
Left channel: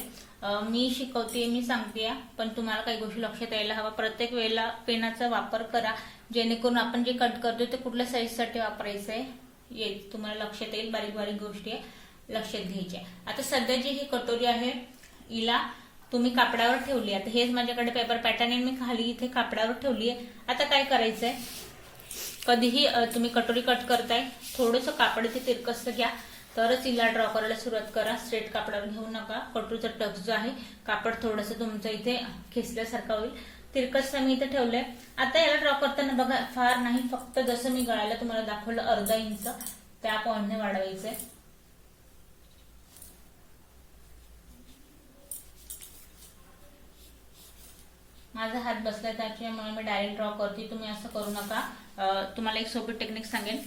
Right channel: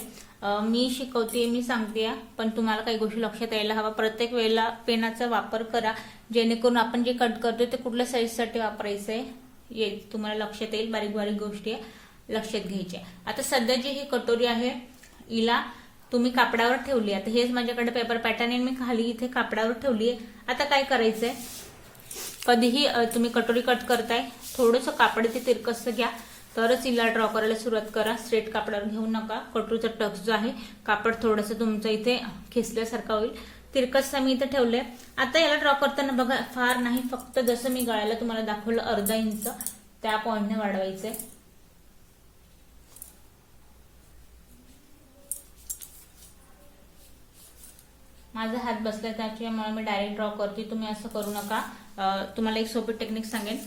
मी शिकवते मी सांगते पण तुम्हाला काही गोष्टी लक्षात यायला हवा. प्रत्येक वेळेला पेनाचा वापर करा जेणेकरून आपण जे कट करतोय ते कुठल्या साईज साठी वापरायचं आहे तुम्हाला लक्षात येईल. बारीक बारीक गोष्टी लक्षात घ्यायच्या. आता सध्या जी ही कटोरी आहे हिला तुम्ही कापडावर ठेवली. आता हेच माझ्याकडे पेपर पॅटर्न आहे मी खाली इथे कापडावर ठेवली आहे. आता काय करायचंय कधीही तुम्ही कटोरी कट करताय थोडंसं कापड इथे तिरकस घ्या तरच हिला ड्रॉ करायला सुरुवात करा. स्ट्रेट कापडावर घेऊ नका. कटोरीचा टक्स जो आहे कापड थोडंसं तुमचं इथे खेचल्यासारखं होईल. तिरकस मी इथे ठेवलंय. आता याला ड्रॉ करताना बघा फार नाही फक्त जसं मी गळ्याला तुम्हाला दाखवलं अर्धा इंच त्या पॉइंटने वाढवायचंय. माझा हात बसलाय त्याच्यामुळे मी डायरेक्ट ड्रॉ करते. तुम्ही असं करू नका. तुम्हाला एक सोपी टेक्निक सांगेन.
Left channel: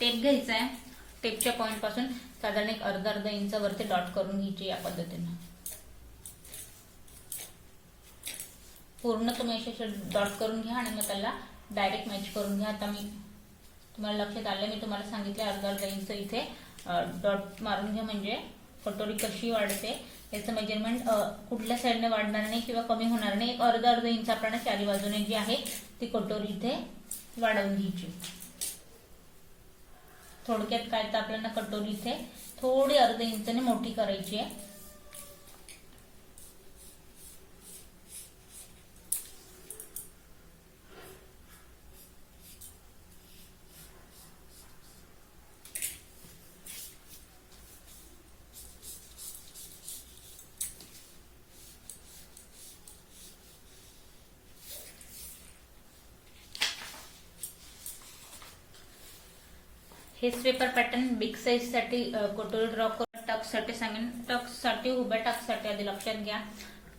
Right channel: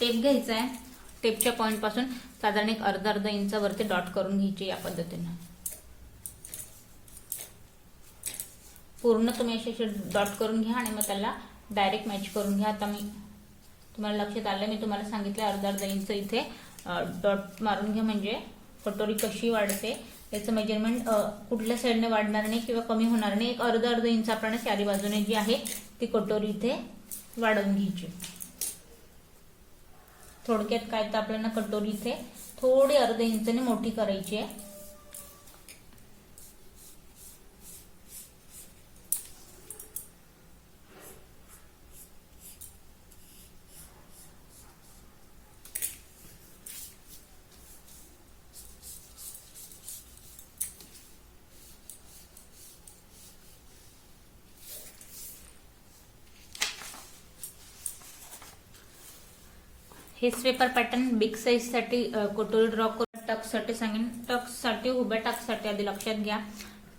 टेप घ्यायचा आहे. टेपच्या पॉइंट पासून साधारण एक अर्धा इंचावरती डॉट करून घ्यायची या पद्धतीने. पूर्ण तुम्ही असे डॉट करून घ्या आणि मग त्याला डायरेक्ट मॅच करून घ्या. आता मी तुम्हाला लक्षात आलं मी तुम्हाला सांगितलं अर्धा इंच इथे डॉट मारून घ्या म्हणजे कटोरी कशी वाढते याचं मेजरमेंट कुठल्या साईडने वाढणार नाही किंवा कमी होणार नाही. एक अर्धा इंच आपण चारी बाजूने जी आहे ती कटोरी इथे वाढवून घ्यायची. थोडक्यात काय तर आपल्याला कटोरी इथे थोडी अर्धा इंचाने मोठी करायची आहे. हेच पेपर पॅटर्न बिग साईज साठी कटोरी ड्रॉ करून टक्स साठी सांगेन. टक्स साठी उभ्या टक्स साठी आधी लक्षात घ्या.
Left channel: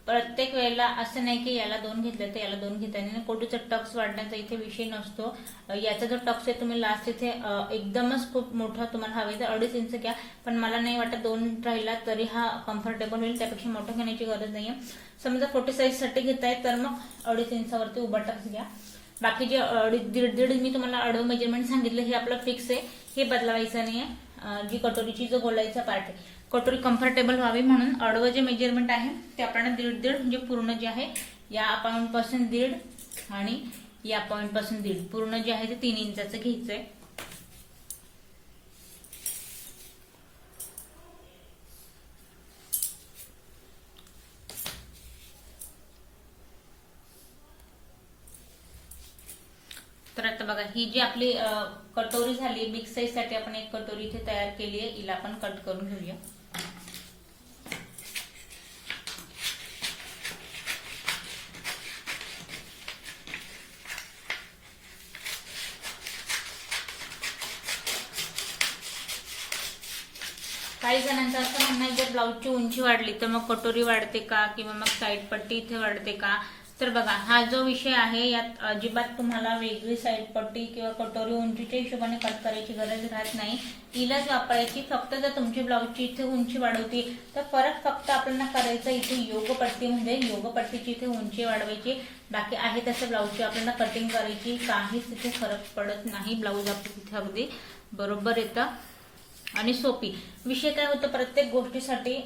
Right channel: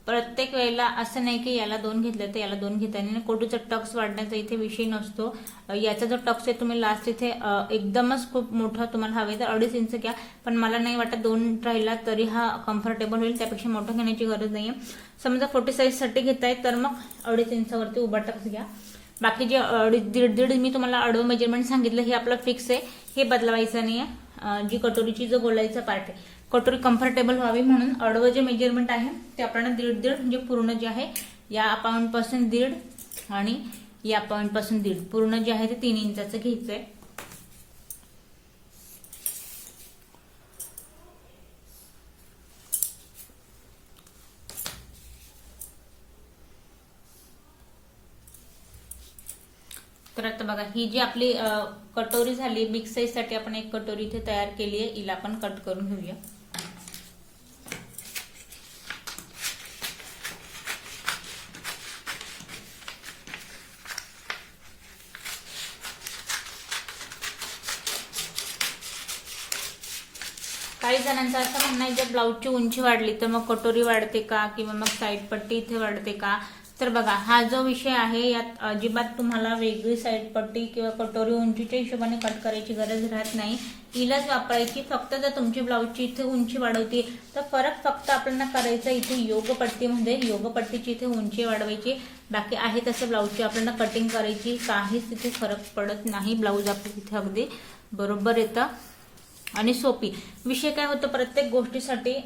प्रत्येक वेळेला असं नाही की याला 2 घेतलं तर याला 2 घेता नाही. कटोरीचा टक्स वाढण्याचा इथे विषय नसतो. याचा जो टक्स आहे तुम्ही लास्ट इथे एकदमच खूप मोठा तुम्हाला हवे तर 2.5 इंच घ्या. पण मला नाही वाटत 2 राहिला तरी हा कम्फर्टेबल होईल. त्यापेक्षा मोठं घेण्याची गरज नाहीये. समजा 40 साईज साठी घेताय तर मग 2.5 इंचावरती उभा टक्स घ्या. बाकी जे दीड मी तुम्हाला आडवं मेजरमेंट सांगितलं हे आपलं फिक्स आहे, हे बदलवायचं नाहीये. जी कटोरीची जो गोलाईचा पार्ट आहे, कटोरी कम्फर्टेबल व्हावी म्हणून आडवं जे मेजरमेंट आहे ते आपल्याला दीड म्हणजे पूर्ण जे आहे या पॉइंट पासून 1.5 आणि या पॉइंट पासून 1.5 पूर्ण जे आहे ते 3 इंचाचं घ्यायचंय. तर आता बघा ही जी आपली कटोरी झाली, बिग साईज साठी आपण एक कटोरी इथे तयार केली आहे, हिला आपण कट करून घेऊया. काही जणांचं असं म्हणणं आहे जर ब्लाऊजची उंची वाढली तर मग कटोरी वाढते का, किंवा मग साईड पट्टी इथे वाढते का. तर बघा हा जो विषय आहे यात अजिबात तुम्हाला वेगळी साईड पट्टी किंवा कटोरी उंचीच्या हिशोबाने कट करायची गरज राहत नाही, हिलाच वापरायची. फक्त जर तुमची ब्लाऊजची इथे उंची वाढवती तर फरक फक्त आपल्याला करायचा इथे योगपट्टीमध्ये, योगपट्टीची इथे उंची वाढवायची. बाकी आहे तसे ब्लाऊजची आपल्याला कटिंग करायची, काहीच तिथे फरक पडत नाही. ब्लाऊज आपलं तिथे अगदी बरोबर येतं आणि सोपी. विषय काय होतो, प्रत्येक गोष्टीसाठी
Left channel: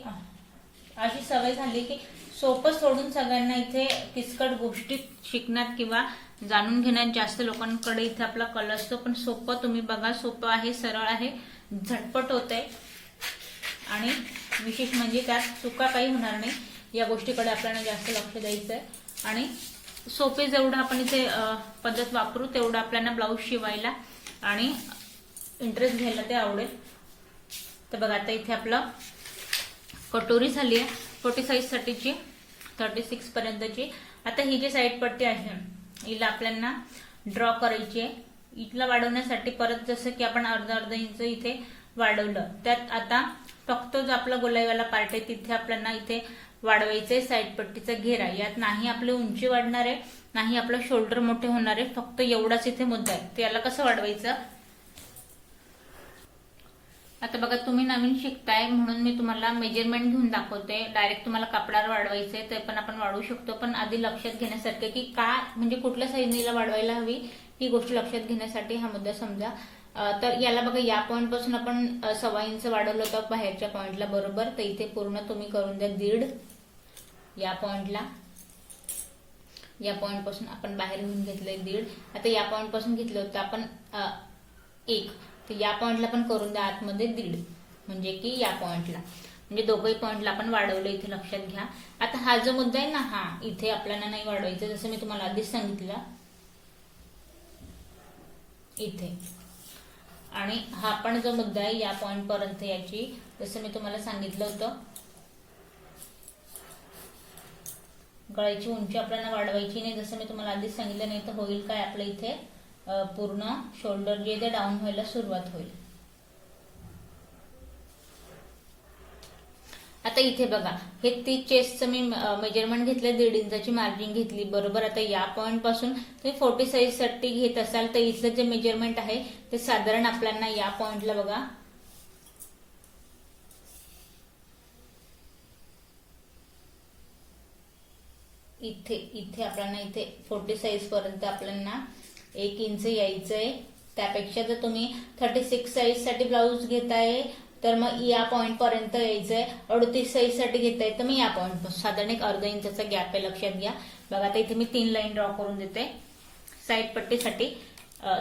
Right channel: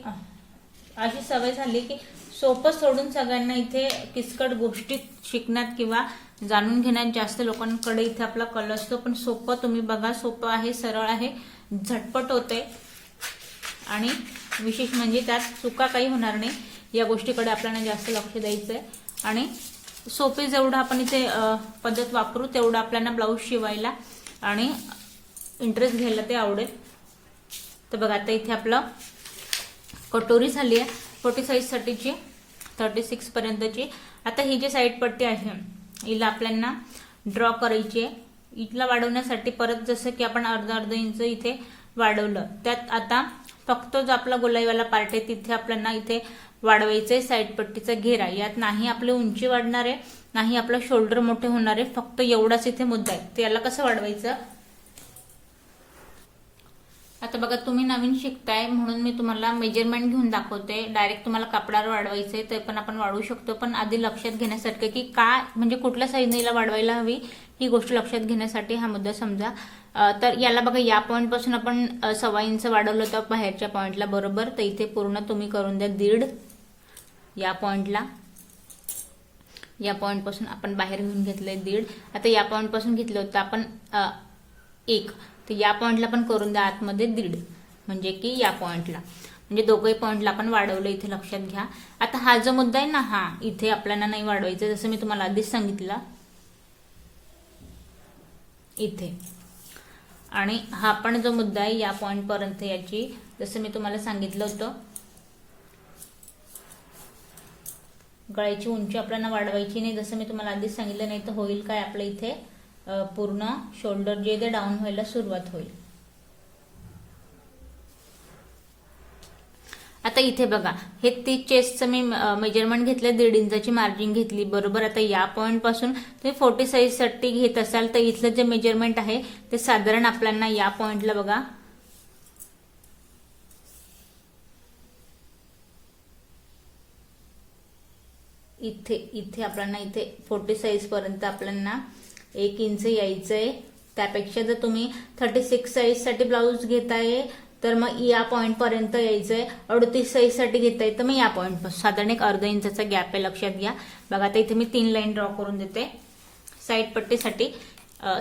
अशी सवय झाली की सोपं सोडून सगळ्यांना इथे किचकट गोष्टी शिकण्यात किंवा जाणून घेण्यात जास्त लोकांकडे इथे आपला कल असतो. पण सोपं तुम्ही बघा, सोपं आहे, सरळ आहे, झटपट होते आणि विशेष म्हणजे त्यात चुका काही होणार नाही. या गोष्टीकडे आपल्याला जास्त लक्ष द्यायचंय आणि सोपे जेवढं आपण इथे पद्धत वापरू तेवढं आपल्याला ब्लाऊज शिवायला आणि इंटरेस्ट घ्यायला ते आवडेल. तर बघा आता इथे आपलं कटोरी झाली आहे 40 साईज साठीची, 36 पर्यंतची. आता ही जी साईड पट्टी आहे हिला आपल्याला ड्रॉ करायची आहे. इथला वाढवण्यासाठी परत जसं की आपण अर्धा इंच इथे वाढवलं, त्यात आता फक्त जो आपला गोलाईवाला पार्ट आहे तिथे आपल्याला इथे वाढवायचंय साईड पट्टीचा घेरा. यात नाही आपली उंची वाढणार आहे, नाही आपलं शोल्डर मोठे होणार आहे, फक्त एवढाच इथे मुद्दा आहे. त्याला कसं वाढवायचं. आता बघा तुम्ही नवीन शिकताय म्हणून मी तुम्हाला मेजरमेंट घेऊन दाखवते. डायरेक्ट तुम्हाला कपड्यावर वाढवायचंय ते पण आपण वाढवू शकतो, पण आधी लक्षात घेण्यासारखं की काय म्हणजे कुठल्या साईजला वाढवायला हवी ही गोष्ट लक्षात घेण्यासाठी हा मुद्दा समजा. तर याला बघा या पॉइंट पासून आपण 1.25 इंच वाढवलं होतं बाहेरच्या पॉइंटला बरोबर. तर इथे पूर्ण तुम्ही करून द्या 1.5. या पॉइंटला, या पॉइंट पासून आपण बाहेर घेऊन घेतलंय 1.5. आता या पॉइंट पासून घेतलं होतं आपण 1, तर या पॉइंटला पण करून द्या आतमध्ये 1.5, म्हणजे की या पॉइंटला, म्हणजे दोघंही पॉइंटला आपण वाढवलं इथे लक्षात घ्या. आता हा जो मुद्दा आहे ना, हा इथे आपल्याला नाही वाढवायचा, जसं मी तुम्हाला आधीच सांगितलं इथे. आणि हा पण जो मुद्दा आहे या पॉइंट पर्यंत याची, जसं मी तुम्हाला सांगितलं होतं गळ्याची उंची आपल्याला वाढवायची नाही, जसं मी तुम्हाला आधीच सांगितलं. नाही तर होईल काय, आपल्या इथे पूर्ण शोल्डर जे ते डाऊन व्हायला सुरुवात होईल. आता इथे बघा हे ती चेस्टचं मी मेजरमेंट घेतलं, 1.5 इंचाची मार्जिन घेतली बरोबर. आता या पॉइंट पासून तुम्ही 40 साईज साठी घेत असाल तर इथलं जे मेजरमेंट आहे ते साधारण आपल्याला या पॉइंटला बघा इथे आपल्याला इथे 40 साईज पर्यंत आपल्याला 1 इंच यायचंय. त्यापेक्षा जर तुम्ही 36 साईज साठी ब्लाऊज घेताय तर मग या पॉइंट पर्यंत यायचंय. 38 साईज साठी घेताय तर मग या पॉइंट पासून साधारण एक अर्धा इंचाचा गॅप आहे, लक्षात घ्या. बघा आता इथे मी 3 लाईन ड्रॉ करून देते साईड पट्टीसाठी.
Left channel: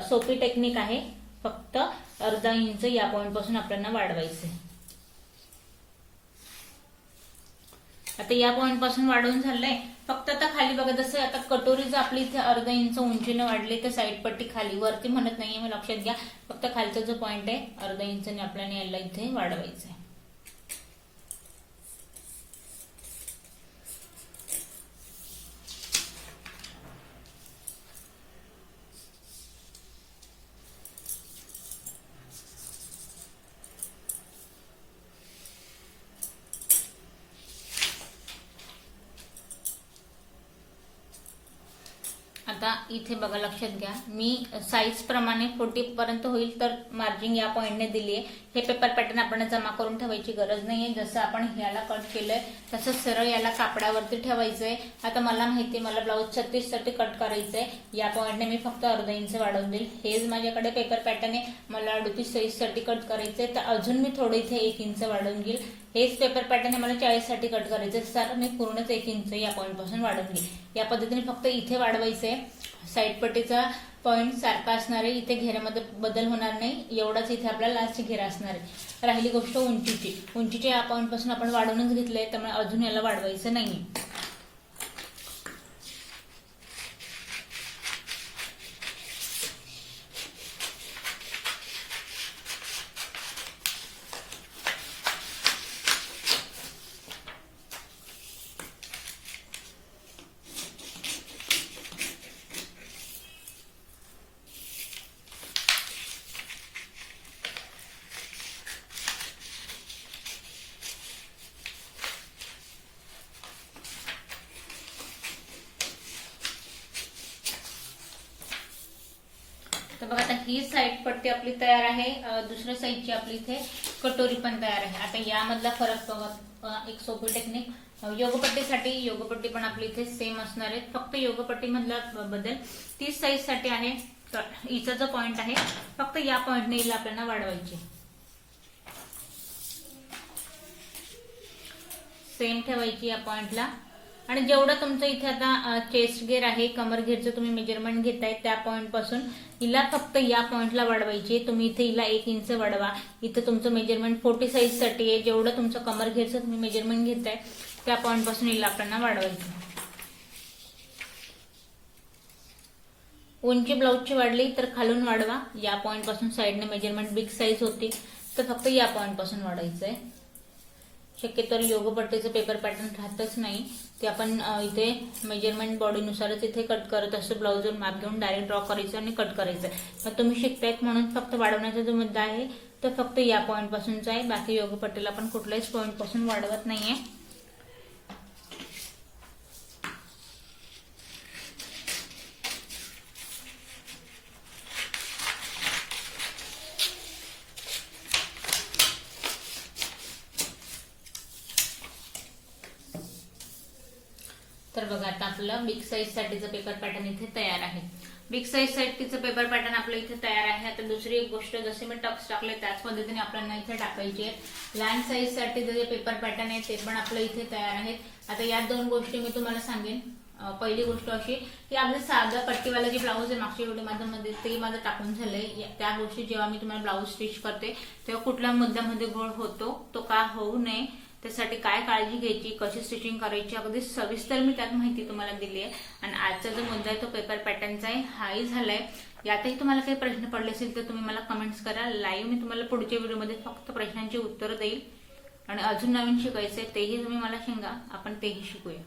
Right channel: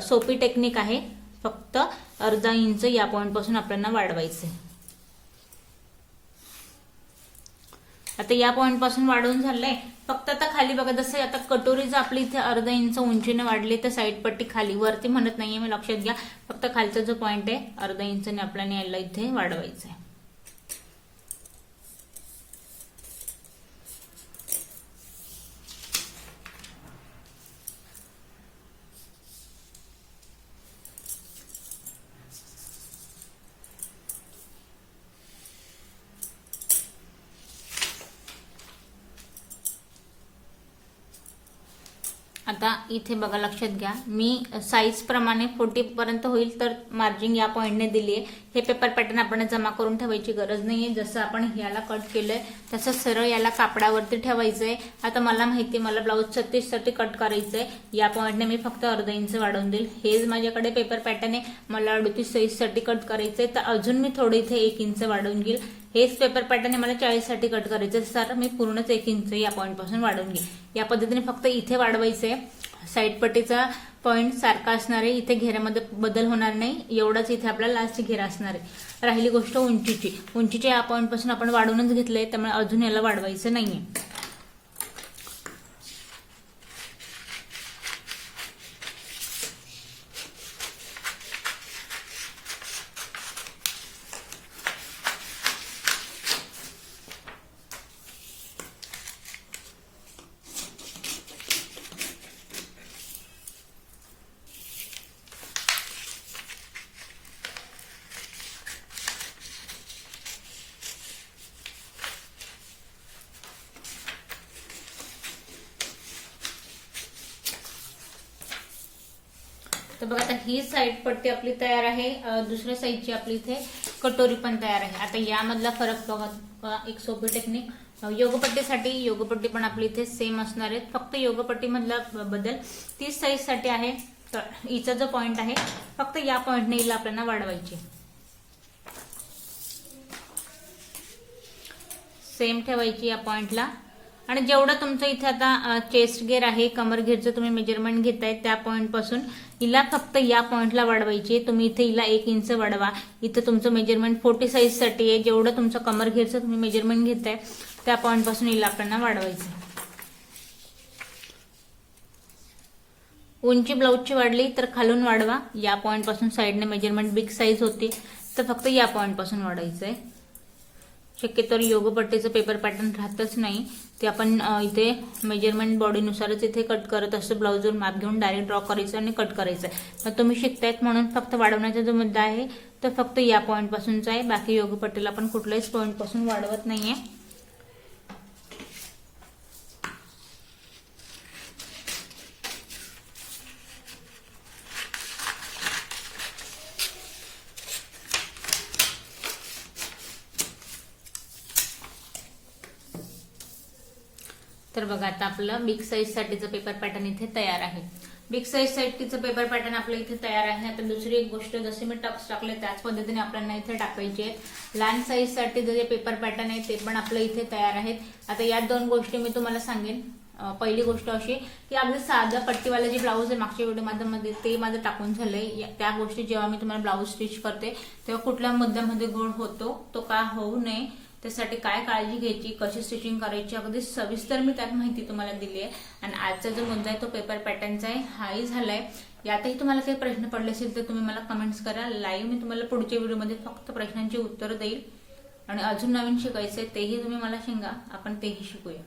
सोपी टेक्निक आहे, फक्त अर्धा इंच या पॉइंट पासून आपल्याला वाढवायचंय. आता या पॉइंट पासून वाढवून झालंय, फक्त आता खाली बघा जसं आता कटोरी जर आपली इथे अर्धा इंच उंचीने वाढली तर साईड पट्टी खाली, वरती म्हणत नाहीये मी, लक्षात घ्या. फक्त खालचा जो पॉइंट आहे अर्धा इंचने आपल्याला यायला इथे वाढवायचं आहे. आता इथे बघा, लक्षात घ्या, मी साईज प्रमाणे 40 पर्यंत होईल तर मार्जिन या पॉइंटने दिली आहे. हे पेपर पॅटर्न आपण जमा करून ठेवायची गरज नाहीये. जसं आपण ह्याला कट केलंय तसं सरळ याला कापडावरती ठेवायचंय. आता मला माहिती, मला ब्लाऊज 36 साठी कट करायचंय. या पॉइंटने मी फक्त अर्धा इंच वाढवून देईल. हेच माझ्याकडे पेपर पॅटर्न आहे, मला 38 साईज साठी कट करायचंय, तर अजून मी थोडं इथे 1 इंच वाढवून घेईल. हेच पेपर पॅटर्न मला 40 साठी कट करायचं, सर मी पूर्णच 1 इंच या पॉइंट पासून वाढवून घेईल. या पद्धतीने फक्त इथे वाढवायचंय. साईड पट्टीचा पॉइंट सारखा असणार आहे, इथे घेऱ्यामध्ये बदल होणार नाही. एवढाच इथे आपला लास्ट घेरा असणार आहे. राहिली गोष्ट उंचीची. उंचीच्या या पॉइंट पासून आपण वाढवूनच घेतलंय, त्यामुळे अजून याला वाढवायचं नाहीये. तर बघा, आता ही साईड पट्टी आपली तयार आहे. दुसऱ्या साईडची आपली इथे कटोरी पण तयार आहे. आता यामधला फरक बघा, एक सोपी टेक्निक. योगपट्टीसाठी योगपट्टी पण आपली इथे सेम असणार आहे. फक्त योगपट्टी मधला बदल 30 साईज साठी आहे. तर हिचा जो पॉइंट आहे फक्त या पॉइंटने हिला आपल्याला वाढवायची. सेम ठेवायची या पॉइंटला. आणि जेवढं तुमचं इथे आता चेस्ट घेर आहे, कमर घेरचं तुम्ही मेजरमेंट घेताय त्या पॉइंट पासून हिला फक्त या पॉइंटला वाढवायची. तुम्ही इथे हिला 1 इंच वाढवा. इथं तुमचं मेजरमेंट 40 साईज साठी आहे. जेवढं तुमचं कमर घेरचं तुम्ही मेजरमेंट घेताय त्या पॉइंट पासून हिला आपल्याला वाढवायचं. उंची ब्लाऊजची वाढली तर खालून वाढवा. या पॉइंट पासून साईडने मेजरमेंट बिग साईज होती तर फक्त या पॉइंट पासून वाढायचंय. शक्यतो योगपट्टीचं पेपर पॅटर्न राहतच नाही, ते आपण इथे मेजरमेंट बॉडीनुसारच इथे कट करत असतो. ब्लाऊजवर माप घेऊन डायरेक्ट ड्रॉ करायचं आणि कट करायचं. तर तुम्ही शिकतायत म्हणून फक्त वाढवण्याचा जो मुद्दा आहे तो फक्त या पॉइंट पासूनचा आहे. बाकी योगपट्टीला आपण कुठल्याच पॉइंट पासून वाढवत नाहीये. तर बघा, आता आपलं बिग साईज साठीचं पेपर पॅटर्न इथे तयार आहे. बिग साईज साठीचं पेपर पॅटर्न आपलं इथे तयार आहे. आता दुसरी एक गोष्ट, जसे मी टक्स टाकले त्याच पद्धतीने आपल्याला इथे टाकायचे आहेत. लहान साईज साठी जे पेपर पॅटर्न आहे ते पण आपलं इथे तयार आहेत. आता या 2 गोष्टी मी तुम्हाला सांगेन. पहिली गोष्ट अशी की आपलं साधं पट्टीवाला जे ब्लाऊज आहे मागच्या व्हिडिओमध्ये ते माझं टाकून झालंय. त्या गोष्टी जेव्हा मी तुम्हाला ब्लाऊज स्टिच करते तेव्हा कुठल्या मुद्द्यामध्ये गोळ होतो तो का होऊ नये त्यासाठी काय काळजी घ्यायची, कशी स्टिचिंग करायची, अगदी सविस्तर मी त्यात माहिती तुम्हाला दिली आहे. आणि आजचा जो मुद्दा आहे तो पेपर पॅटर्नचा आहे, हाही झालाय. यातही तुम्हाला काही प्रश्न पडले असेल तर तुम्ही मला कमेंट्स करा. लाईव्ह मी तुम्हाला पुढच्या व्हिडिओमध्ये फक्त प्रश्नांची उत्तरं देईल. आणि अजून नवीन शिकायचंय तेही तुम्ही मला सांगा, आपण तेही शिकूया.